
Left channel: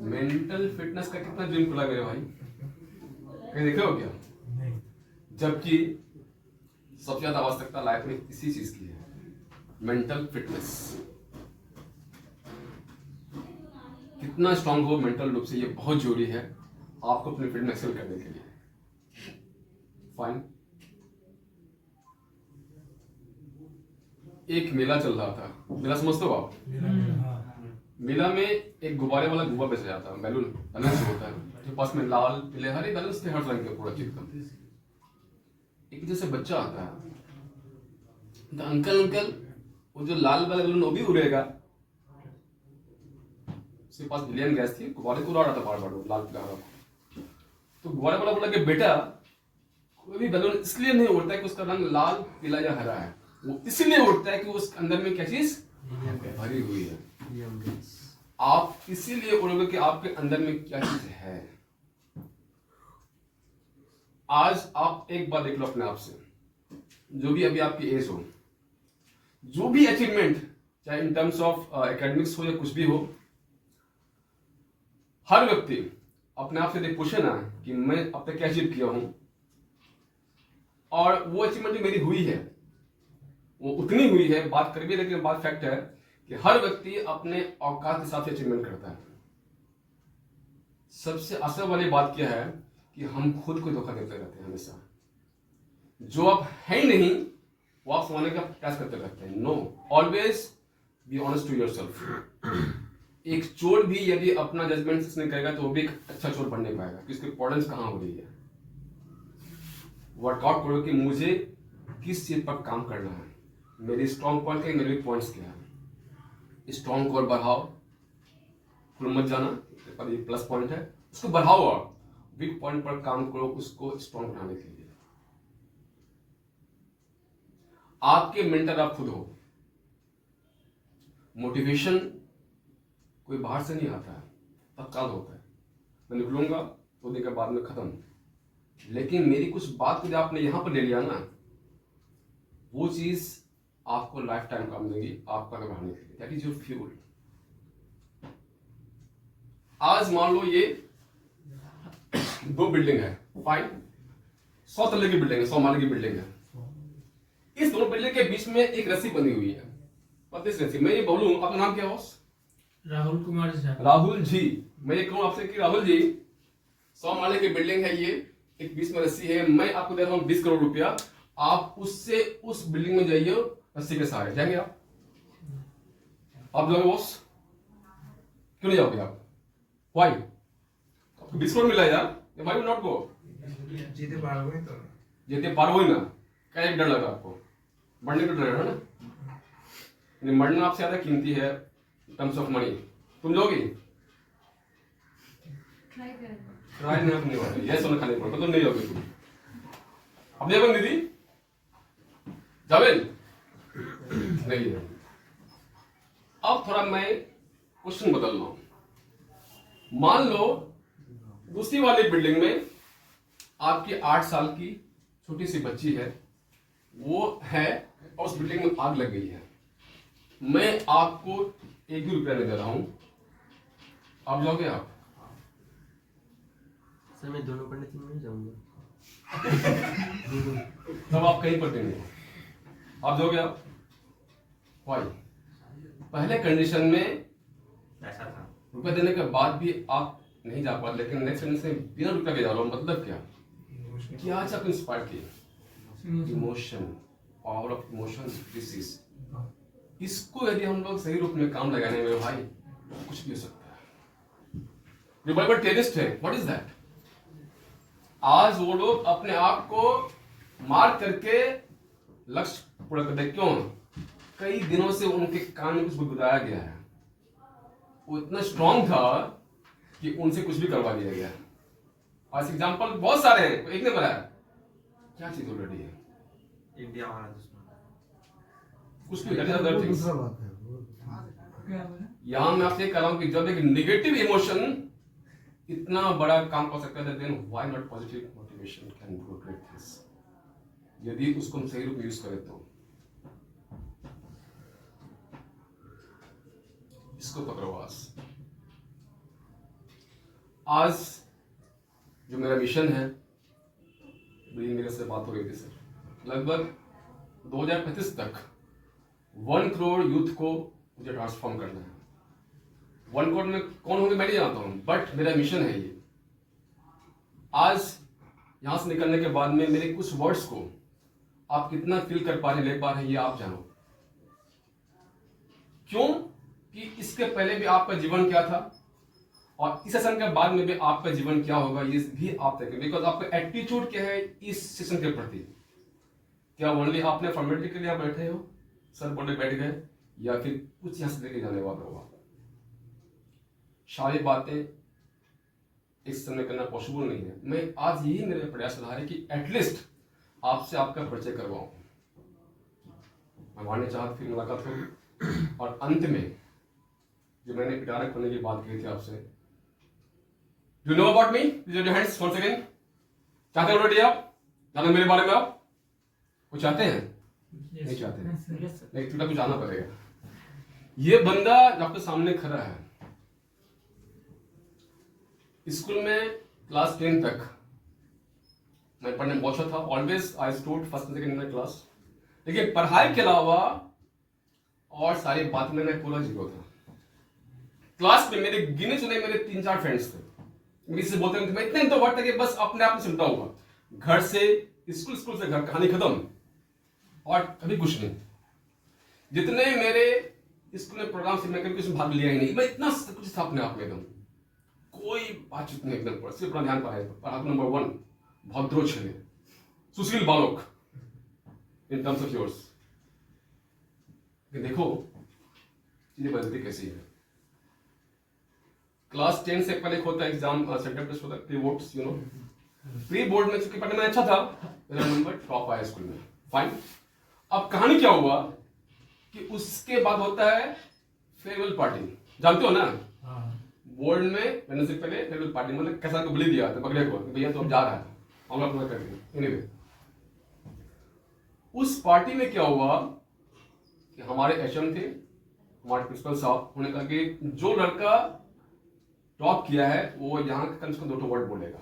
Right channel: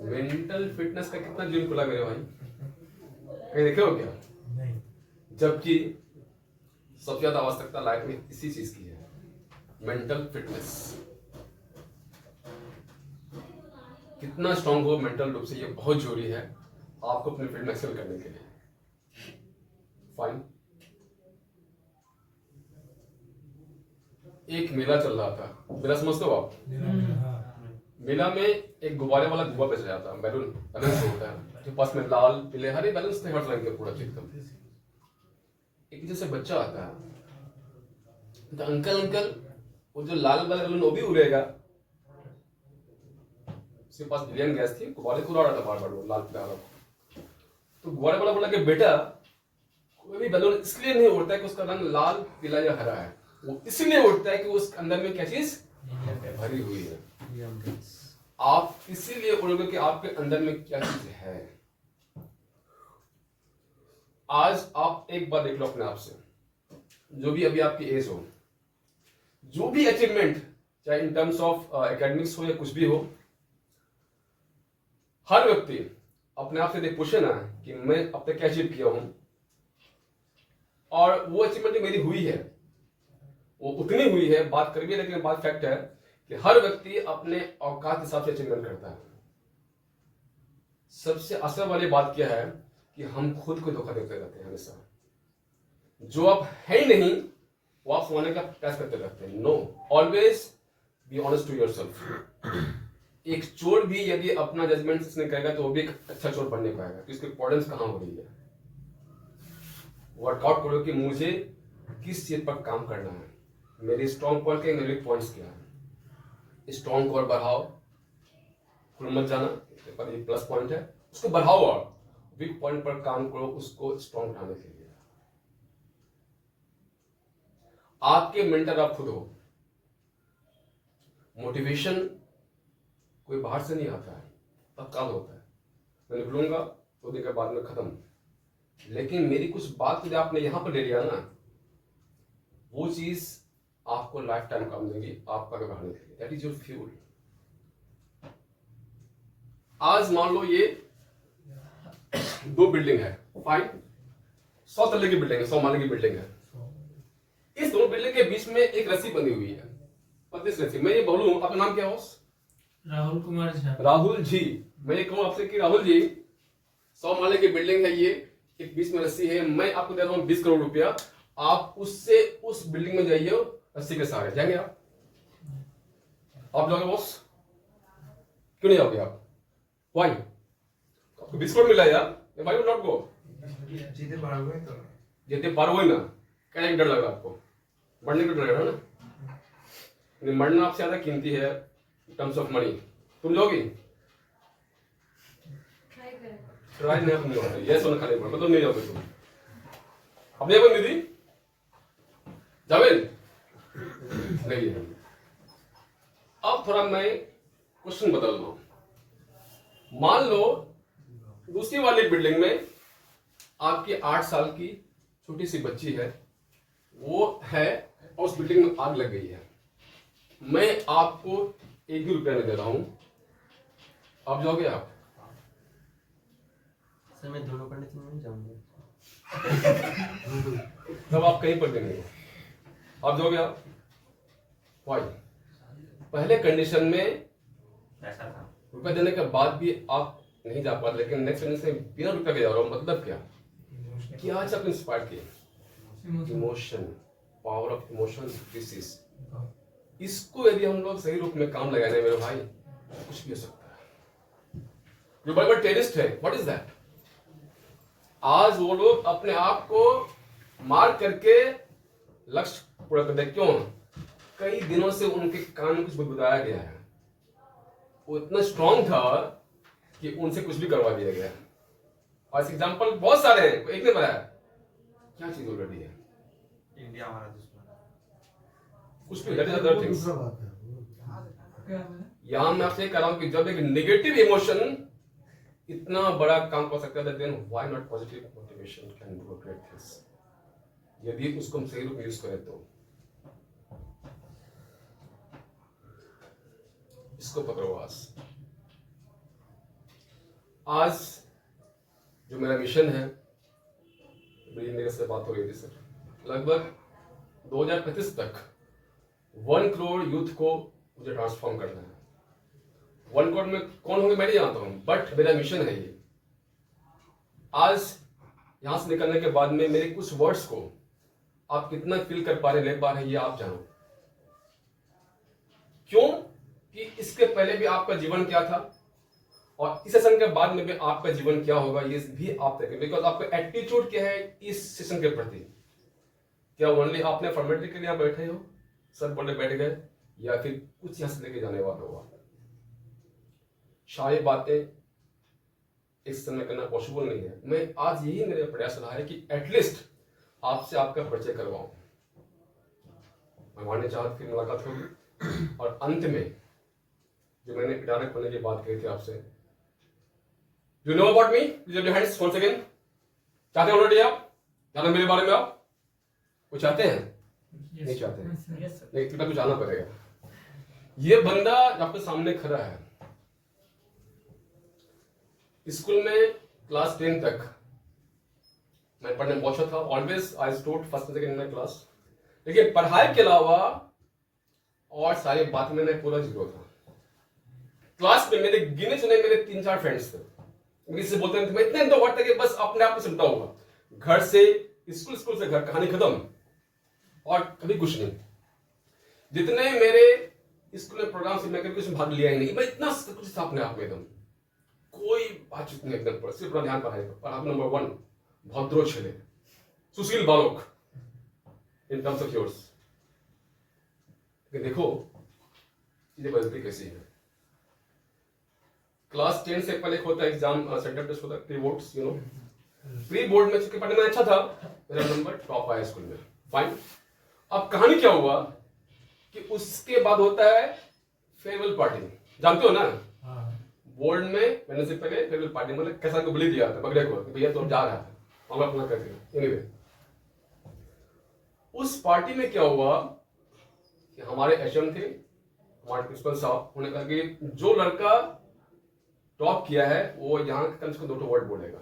मेंटल फिटनेस का कितना जिम खुला मेरे भाई? कहीं देखे हो क्या? नहीं। जबकि सबसे ज्यादा आवश्यकता लाइफ में इसी चीज की है, मेंटल फिटनेस। कितना स्ट्रांग हो मेंटल रूप से, ये बहुत जरूरी है आपको अपने फील्ड में एक्सेल करने के लिए। फाइन। एक मेला चल रहा था, मेला समझते हो आप? मेला में एक गुब्बारे वाला गुब्बारा बेचा जाता है, बैलून बैलून होता है, के पास में लाल पीले हरे बैलून थे, हर रंग के पूरा चिपकम। एक जैसे बच्चा आता है, तो अंकल वो जो लाल वाला बलून वो भी उड़ेगा। उसके पास हीलियम गैस थी, गुब्बारे को उड़ा रहा था बार बार वो लाल प्यारा। तो गुब्बारे वाला बोला कि बेटा कोई भी बलून इसलिए नहीं उड़ता है कि उसका रंग लाल, पीला या हरा है, वो इसलिए उड़ता है कि उसके अंदर में क्या चीज भरी हुई है। आप इसीलिए उड़ोगे कि आपके अंदर में क्या चीज है। आज आप एक बार देख लो अपने आप से, जो भी अभी आपकी एज हो, जो भी अचीवमेंट चाहे इन टर्म्स ऑफ एकेडमिक्स हो या कुछ भी हो, हर व्यक्ति अपने आप से पूछे ना कि मैं अब तक क्या अचीव किया हूं, और वो अचीवमेंट मेरी हुई है, वो उतनी हुई है, बात कर भी, लेकिन बात फैक्ट है कि हर व्यक्ति अपने औकात के हिसाब से अचीवमेंट करता है। सबसे असर वाली बात क्या है कि हम खुद को धोखा देते रहते हैं हमेशा। जो आप है ही नहीं वो आप समझने का प्रयास करते रहते हैं। No, always be honest to yourself. एक चोर भी यदि अपना जजमेंट इसने करेगा तो वो भी एक अच्छा चोर बन नहीं पाएगा कि उसकी इंपॉर्टेंस कहां हो रही है। वर्कआउट करो कि मुझे किस चीज पर काम करना है, मेरी स्ट्रॉन्ग पॉइंट क्या है, मेरे पॉइंट्स क्या है। स्ट्रॉन्ग को और बढ़ाओ, खुल मत जाना, पर ये प्लस पॉइंट है, उसको बढ़ाओ और वीक पॉइंट पर काम करो, उसको स्ट्रॉन्ग बनाने के लिए। आपके मेंटर आप खुद हो। मोटिवेशन कोई बाहर से नहीं आता है, तत्काल होता है। मैं निकलूंगा तो दिन के बाद में खत्म, लेकिन मेरी कुछ बात यदि आपने यहां पर ले लिया ना, वो चीज आपको लाइफ टाइम काम देगी, आपका बढ़ाने के लिए। That is your fuel. आज मान लो ये 2 बिल्डिंग है, फाइन, 100 तल्ले की बिल्डिंग है, 100 माले की बिल्डिंग है। इस दोनों बिल्डिंग के बीच में एक रस्सी बनी हुई है। और इस रस्सी, मैं ये बोलूं, आपका नाम क्या है बॉस? राहुल कुमार झा। राहुल जी, मैं ये कहूं आपसे कि राहुल जी 100 माले की बिल्डिंग है, ये एक बीच में रस्सी है, मैं आपको दे रहा हूं 20 करोड़ रुपया, आप उससे उस बिल्डिंग में जाइए रस्सी के सहारे। जाएंगे आप जाओगे बॉस? क्यों नहीं जाओगे आप? वाई? आपको 20 करोड़ मिला यार, वाई विल नॉट गो? जीते पार हो ना, क्या एक डर लग रहा है आपको? मरने का डर है ना? मरना आपसे ज्यादा कीमती है टर्म्स ऑफ मनी। तुम लोगी? ट्राई नहीं अपने वाले, ये सोना खाने पड़ता तो नहीं जाओगे तुम। अपने बन दीदी जावे नहीं है। अब थोड़ा मैं क्वेश्चन बदल रहा हूं। मान लो दूसरी वाली बिल्डिंग में आपकी 8 साल की छोटी सी बच्ची है, वो है और उस बिल्डिंग में आग लग गई है। मैं आपको 1 भी रुपया नहीं दे रहा हूं, आप जाओगे? आप सर मैं दोनों पढ़ने से नहीं जाऊंगा। तब आप कहीं पर देंगे, आप जाओगे? आप वाई? पहले कंडीशन में ऐसा था। रुपया देने के बाद भी आप नहीं जा पाते, लेकिन नेक्स्ट कंडीशन में बिना रुपया के जा रहा हूं, मतलब क्या आज आप इंस्पायर किए? Emotion, power of emotion, this is. इसको यदि हम लोग सही रूप में काम लगाने, मेरे भाई, कुछ भी हो सकता है। जो बड़े बड़े टेररिस्ट है, व्हाट इज दैट? आज वो लोग अपने आप को मार करके लक्ष्य पूरा करते। क्यों? कई दिनों से उनके कान में कुछ बुलाया गया है, वो इतना स्ट्रांग था कि उनसे कुछ भी करवा दिया गया। और एग्जाम्पल बहुत सारे हैं, एक ने बताया। क्या चीज ऑलरेडी है? इंडिया हमारा दुश्मन। कुछ भी यहां मैं आपसे कह रहा हूं कि जब एक नेगेटिव इमोशन इतना बड़ा काम कर सकता है, then why not positive motivation can do great things, यदि उसको हम सही रूप में यूज करें तो। इसको पकड़ो। आज जो मेरा मिशन है, मेरे से बात हो गई थी सर, लगभग 2035 तक 1 करोड़ यूथ को मुझे ट्रांसफॉर्म करना है। 1 करोड़ में कौन होंगे मैं नहीं जानता हूं, बट मेरा मिशन है ये। आज यहां से निकलने के बाद में मेरे कुछ वर्ड्स को आप कितना फील कर पा रहे, ले पा रहे हैं, ये आप जानो। क्यों कि इसके पहले भी आपका जीवन क्या था और इस सेशन के बाद में भी आपका जीवन क्या होगा, ये भी आप तय करें। बिकॉज आपका एटीट्यूड क्या है इस सेशन के प्रति। क्या ओनली आपने फॉर्मेलिटी के लिए यहाँ बैठे हो, सर बोले बैठ गए, या फिर कुछ यहाँ से लेके जाने वाले हो आप? सारी बातें इस समय करना पॉसिबल नहीं है। मैं आज यही मेरा प्रयास रहा है कि एटलीस्ट आपसे आपका परिचय करवाऊं। हमारे चाहत फिर मुलाकात होगी। और अंत में जो मैंने डायरेक्ट होने की बात कही थी आपसे, you know about me, your hands once again. चाहते हैं ऑलरेडी आप जाना मेरे बारे में? आप वो चाहते हैं? नहीं चाहते हैं? नहीं, तो कुछ जाना पड़ेगा। ये बंदा आपके सामने खड़ा है। स्कूल में क्लास 10 तक मैं पढ़ने पहुंचा था। Always I stood first second in my class. लेकिन पढ़ाई के अलावा और सारी बात में मैं पूरा जीरो था। क्लास में मेरे गिने चुने मेरे 3-4 फ्रेंड्स थे। किसी से बोलते नहीं थे, मैं इतने इंट्रोवर्ट था कि बस अपने आप में सुनता हुआ, घर से स्कूल, स्कूल से घर, कहानी खत्म, और कभी कुछ नहीं। जितने मेरे स्कूल में प्रोग्राम से मैं कभी कुछ भाग लिया ही नहीं। मैं इतना सब कुछ था अपने आप में, एकदम कोई बातचीत नहीं, एकदम सिर्फ अपना ध्यान पढ़ाई पर। पढ़ाई नंबर 1 भद्रो छेले, सुशील बालक इन टर्म्स ऑफ योर्स। देखो चीजें बदलती कैसी है। क्लास 10 से पहले होता है एग्जाम, सेंटर टेस्ट होता है, pre boards, you know. Pre board में चूंकि पढ़ने में अच्छा था, मेरा नंबर टॉप आया स्कूल में, फाइन। अब कहानी क्या हुआ कि उसके बाद होता है फेयरवेल पार्टी, जानते हो ना? बोर्ड में मैंने से पहले फेयरवेल पार्टी, मतलब कैसा को बुला दिया था पकड़े को, भैया तो अब जा रहा है, हम अपना कर दिया। एनीवे, उस पार्टी में क्या हुआ कि हमारे एचएम थे, हमारे प्रिंसिपल साहब, उन्होंने कहा कि जो लड़का टॉप किया है वो यहाँ कम से कम 2 वर्ड बोलेगा।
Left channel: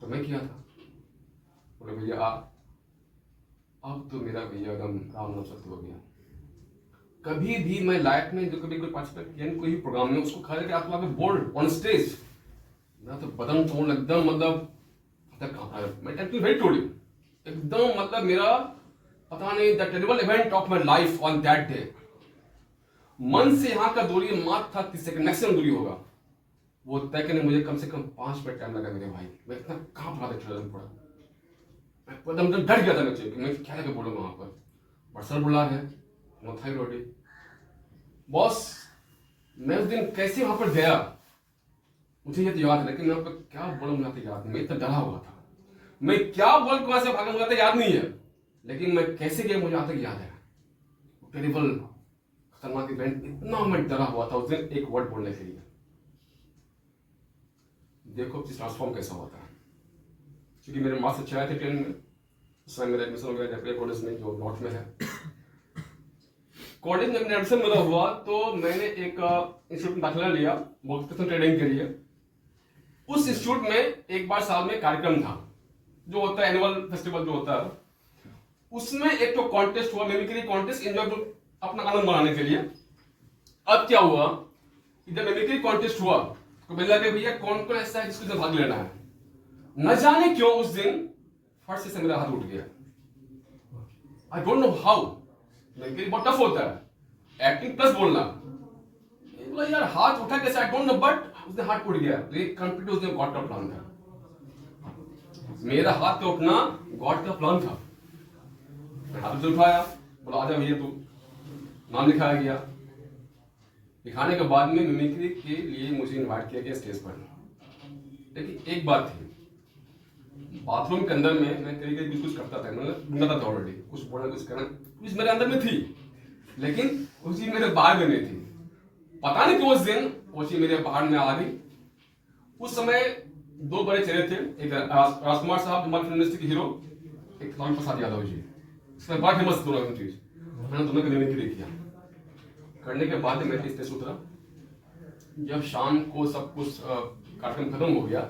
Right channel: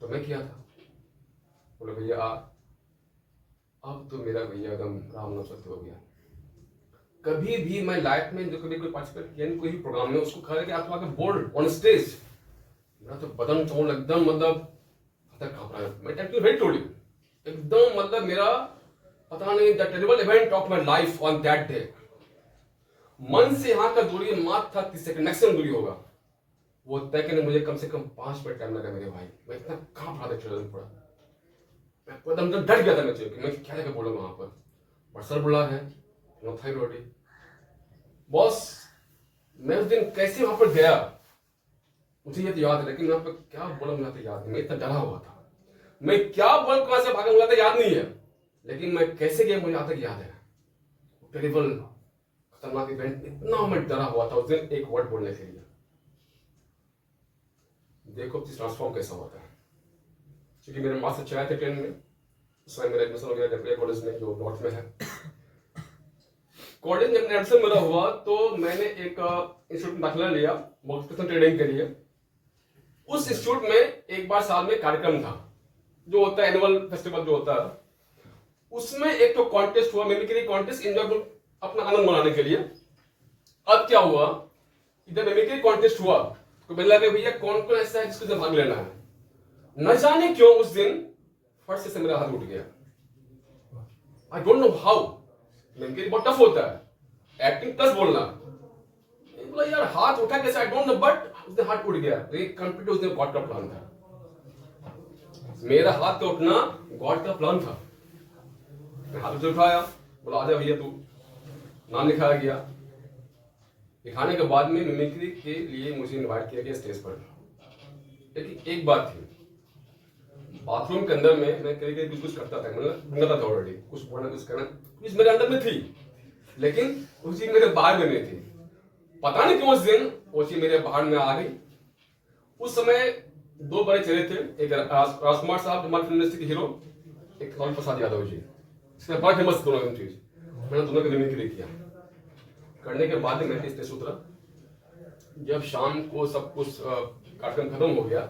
तो मैं किया था, बोले भैया अब तो मेरा भैया एकदम राम नाम सत्य हो गया। कभी भी मैं लाइफ में जो कभी कोई पार्टिसिपेट किया कोई भी प्रोग्राम में, उसको खा के आप आगे बोल्ड ऑन स्टेज, मेरा तो बदन तोड़ एकदम, मतलब कांप रहा है। मैं टेल वेरी टोल्ड यू, एकदम मतलब मेरा पता नहीं, the terrible event of my life on that day. मन से यहाँ का दूरी मात्र 30 सेकंड मैक्सिमम दूरी होगा, वो तय करने मुझे कम से कम 5 मिनट टाइम लगा मेरे भाई। मैं इतना कांप रहा था, पूरा मैं एकदम डर गया था मैं कि मैं क्या लेकर बोलूँ वहां पर। और सर बुला है, नो थायरॉइड बॉस। मैं उस दिन कैसे वहां पर गया मुझे ये तो याद है, लेकिन मैं क्या बोला मुझे तो याद नहीं। मैं इतना डरा हुआ था, मैं क्या बोल वहां से भागा, मुझे याद नहीं है, लेकिन मैं कैसे गया मुझे आज तक याद है। टेरिबल खतरनाक इवेंट, इतना मैं डरा हुआ था उस दिन एक वर्ड बोलने के लिए। देखो चीज ट्रांसफॉर्म कैसा हुआ था। क्योंकि मेरे मार्क्स अच्छे आए थे 10 में, उस समय मेरा एडमिशन हो गया डेप्रिया कॉलेज में जो नॉर्थ में है। कॉलेज में एडमिशन मेरा हुआ तो मैंने एक इंस्टीट्यूट में दाखिला लिया वोकेशनल ट्रेनिंग के लिए। उस इंस्टीट्यूट में एक बार साल में कार्यक्रम था, जो होता है एनुअल फेस्टिवल जो होता है, उसमें एक तो कॉन्टेस्ट हुआ, मिमिक्री कॉन्टेस्ट, एंजॉय अपना आनंद मनाने के लिए। अब क्या हुआ, इधर मिमिक्री कॉन्टेस्ट हुआ तो मिला कि भैया कौन कौन ऐसा है जिसको भाग लेना है। न जाने क्यों उस दिन फट से मेरा हाथ उठ गया। I don't know how, mimicry बहुत टफ होता है, एक्टिंग प्लस बोलना। बोला यार हाथ उठा कैसे, आई डोंट नो, बट उस दिन हाथ उठ गया। तो ये कंप्लीट उस दिन गॉड का प्लान था। मेरा हाथ का उठना गॉड का प्लान था। मैं हाथ से उठाया, बोला आजा भैया, तू नाम लिखाया गया। लिखाने के बाद में मिमिक्री के लिए मुझे इनवाइट किया गया स्टेज पर। लेकिन एक बात थी, बाथरूम के अंदर में मैं कहीं कहीं कुछ करता था, मतलब ढूंढता था ऑलरेडी, कुछ बोलना कुछ करना, कुछ मेरे अंदर में थी, लेकिन वो चीज मेरे बाहर में नहीं थी। पता नहीं क्यों उस दिन वो चीज मेरे बाहर में आ गई। उस समय 2 बड़े चेहरे थे, एक राजकुमार साहब हमारे फिल्म इंडस्ट्री के हीरो, एक लालू प्रसाद यादव जी। इसमें बड़ा फेमस दोनों चीज, मैंने दोनों को मिमिक्री किया। करने के बाद मेरे स्टेज उतरा। जब शाम को सब कुछ कार्यक्रम खत्म हो गया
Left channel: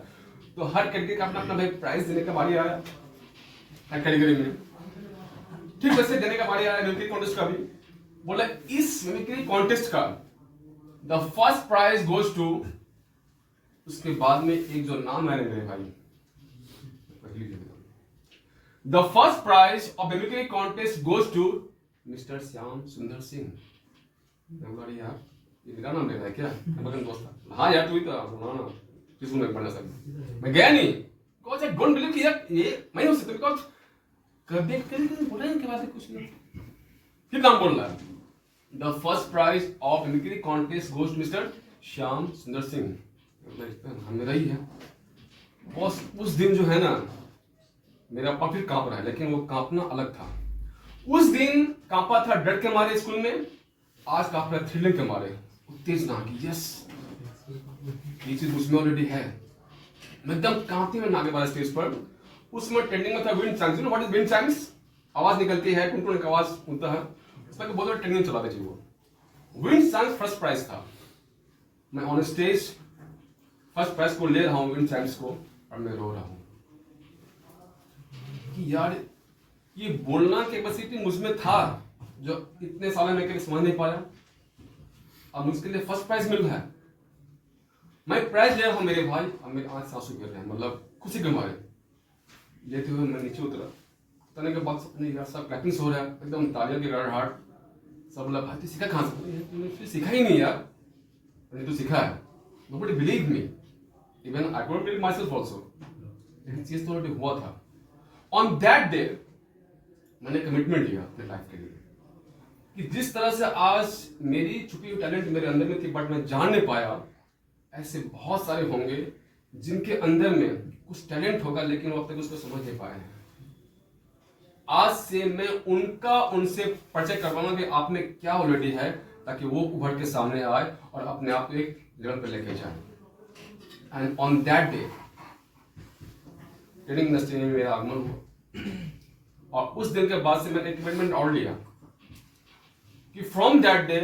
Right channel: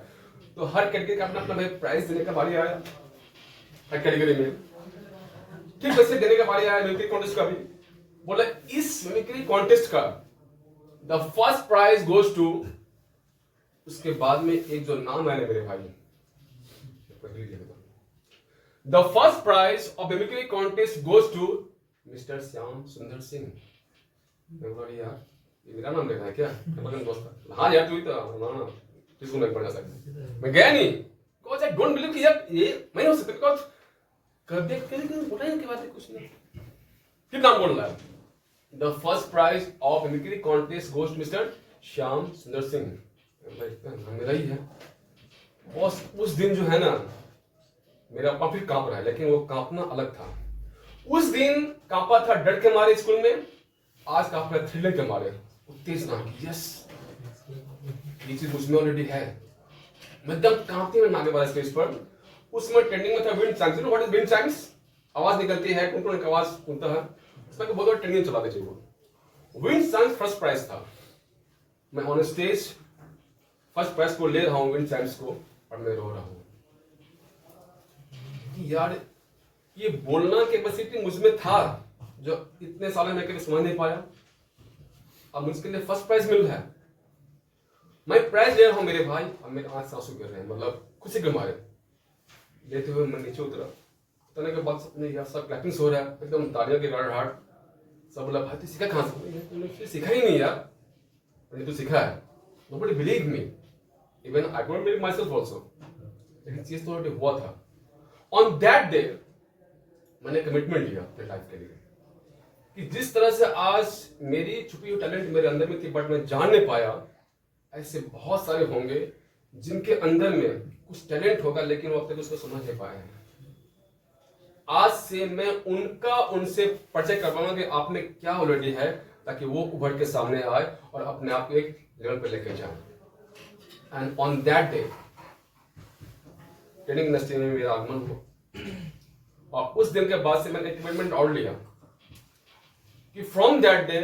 तो हर कैटेगरी का अपना अपना प्राइज देने का बारी आया। हर कैटेगरी में ठीक वैसे देने का बारी आया मिमिक्री कॉन्टेस्ट का भी। बोले इस मिमिक्री कॉन्टेस्ट का the first prize goes to, उसके बाद में एक जो नाम आया मेरे भाई, the first prize of mimicry contest goes to mister Shyam Sundar Singh. मैं बोला यार ये मेरा नाम लेना है क्या? दोस्त था, हाँ यार तू ही तो, किसको नहीं पढ़ना सकता। मैं गया नहीं, बिकॉज आई डोंट बिलीव यार ये मैं नहीं हो सकता, बिकॉज कभी कभी बोला ही के बाद कुछ नहीं। फिर नाम बोल रहा है, the first prize of mimicry contest goes to mister Shyam Sundar Singh. मेरा ही है बॉस। उस दिन जो है ना, मेरा पाँव फिर कांप रहा है, लेकिन वो कांपना अलग था। उस दिन कांपा था डर के मारे स्कूल में, आज कांप रहा है थ्रिलर के मारे, उत्तेजना की। यस, ये चीज मुझमें ऑलरेडी है। मैं एकदम कांपते हुए आगे बढ़ा स्टेज पर। उसमें ट्रेंडिंग में था wind Chimes. You know what is wind Chimes? आवाज निकलती है, टुन टुन आवाज सुनता है, इसका बहुत बड़ा ट्रेंडिंग चलाते थे वो। विंड चाइम्स फर्स्ट प्राइज था। मैं ऑन स्टेज फर्स्ट प्राइज को ले रहा हूँ, विंड चाइम्स को, और मैं रो रहा हूँ कि यार ये बोलना कैपेसिटी मुझमें था जो इतने साल में कभी समझ नहीं पाया। अब मुझके लिए फर्स्ट प्राइज मिल रहा है, मैं प्राइज ले रहा हूं मेरे भाई, और मेरे आंख से आंसू गिर रहे हैं, मतलब खुशी के मारे। लेते हुए मैं नीचे उतरा, उतरने के बाद नहीं यार सब क्लैपिंग हो रहा है, एकदम तालियों की रड़ाहट। सब बोला भाई तू सीखा कहां से? मैंने सीखा ही नहीं यार। मैंने तो सीखा है, nobody believe me, even I don't believe my self also. लेकिन चीज तो ऑलरेडी हुआ था। ऑन दैट डे मैंने कमिटमेंट लिया अपने लाइफ के लिए कि जिस तरह से आज मेरी छुपी हुई टैलेंट मेरे अंदर में थी बट मैं जान नहीं पाया, ऐसे बहुत सारे होंगे जिनके अंदर में कुछ टैलेंट होगा लेकिन वो अब तक उसको समझ नहीं पाए हैं। आज से मैं उनसे परिचय करवाऊंगा कि आप में क्या ऑलरेडी है, ताकि वो उभर के सामने आए और अपने आप को एक लेवल पे लेके जाए। And on that day training industry में मेरा आगमन हो, और उस दिन के बाद से मैंने कमिटमेंट और लिया कि from that day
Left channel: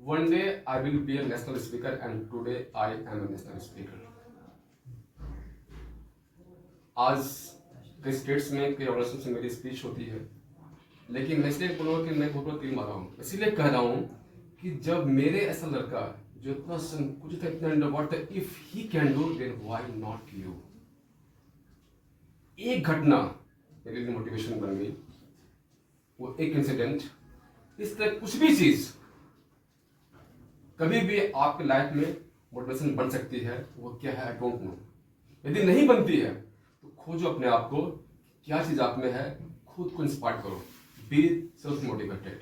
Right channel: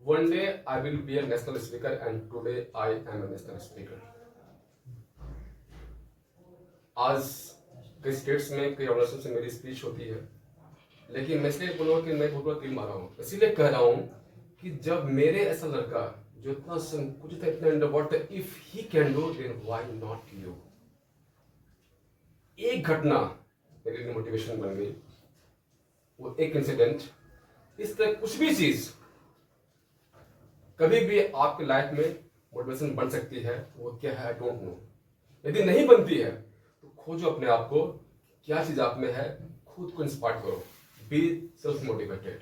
one day I will be a national speaker, and today I am a national speaker. आज कई स्टेट्स में कई ऑर्गेनाइजेशन से मेरी स्पीच होती है, लेकिन मैं इसलिए बोलूँगा कि मैं बहुत बड़ा तीर मारा हूँ। इसीलिए कह रहा हूँ कि जब मेरे ऐसा लड़का जो इतना संकुचित है, इतना इंट्रोवर्ट है, if he can do then why not you. एक घटना मेरे लिए मोटिवेशन बन गई, वो एक इंसिडेंट। इस तरह कुछ भी चीज कभी भी आपकी लाइफ में मोटिवेशन बन सकती है। वो क्या है आई डोंट नो। यदि नहीं बनती है तो खोजो अपने आप को, क्या चीज आप में है, खुद को इंस्पायर करो, बी सेल्फ मोटिवेटेड।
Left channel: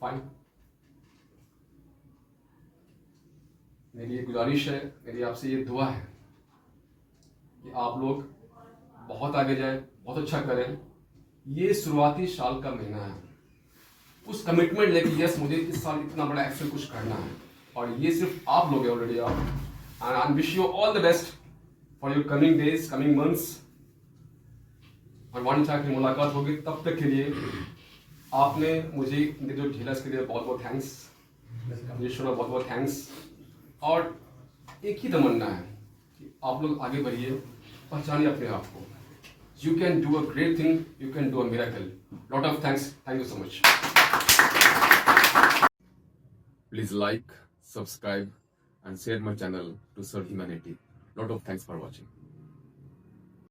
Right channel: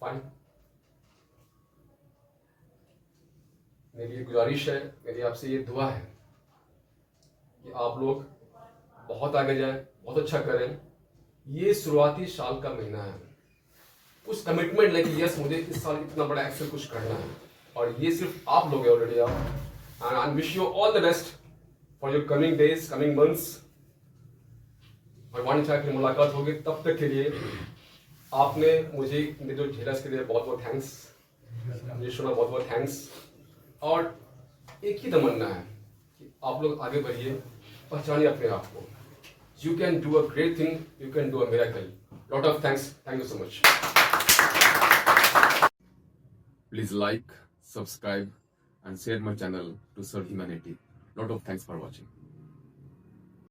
फाइन। मेरी ये गुजारिश है, मेरी आपसे ये दुआ है कि आप लोग बहुत आगे जाएं, बहुत अच्छा करें। ये शुरुआती साल का महीना है, कुछ कमिटमेंट लेके यस मुझे इस साल इतना बड़ा एक्सेल कुछ करना है, और ये सिर्फ आप लोग हैं ऑलरेडी। आप and I wish you all the best for your coming days, coming months. और वन चाह की मुलाकात होगी, तब तक के लिए आपने मुझे जो झेला इसके लिए बहुत बहुत थैंक्स, ये सुना बहुत बहुत थैंक्स। और एक ही तमन्ना है कि आप लोग आगे बढ़िए, पहचानिए अपने आप को। You can do a great thing, you can do a miracle. Lot of thanks, thank you so much. Please like, subscribe and share my channel to serve humanity. Lot of thanks for watching.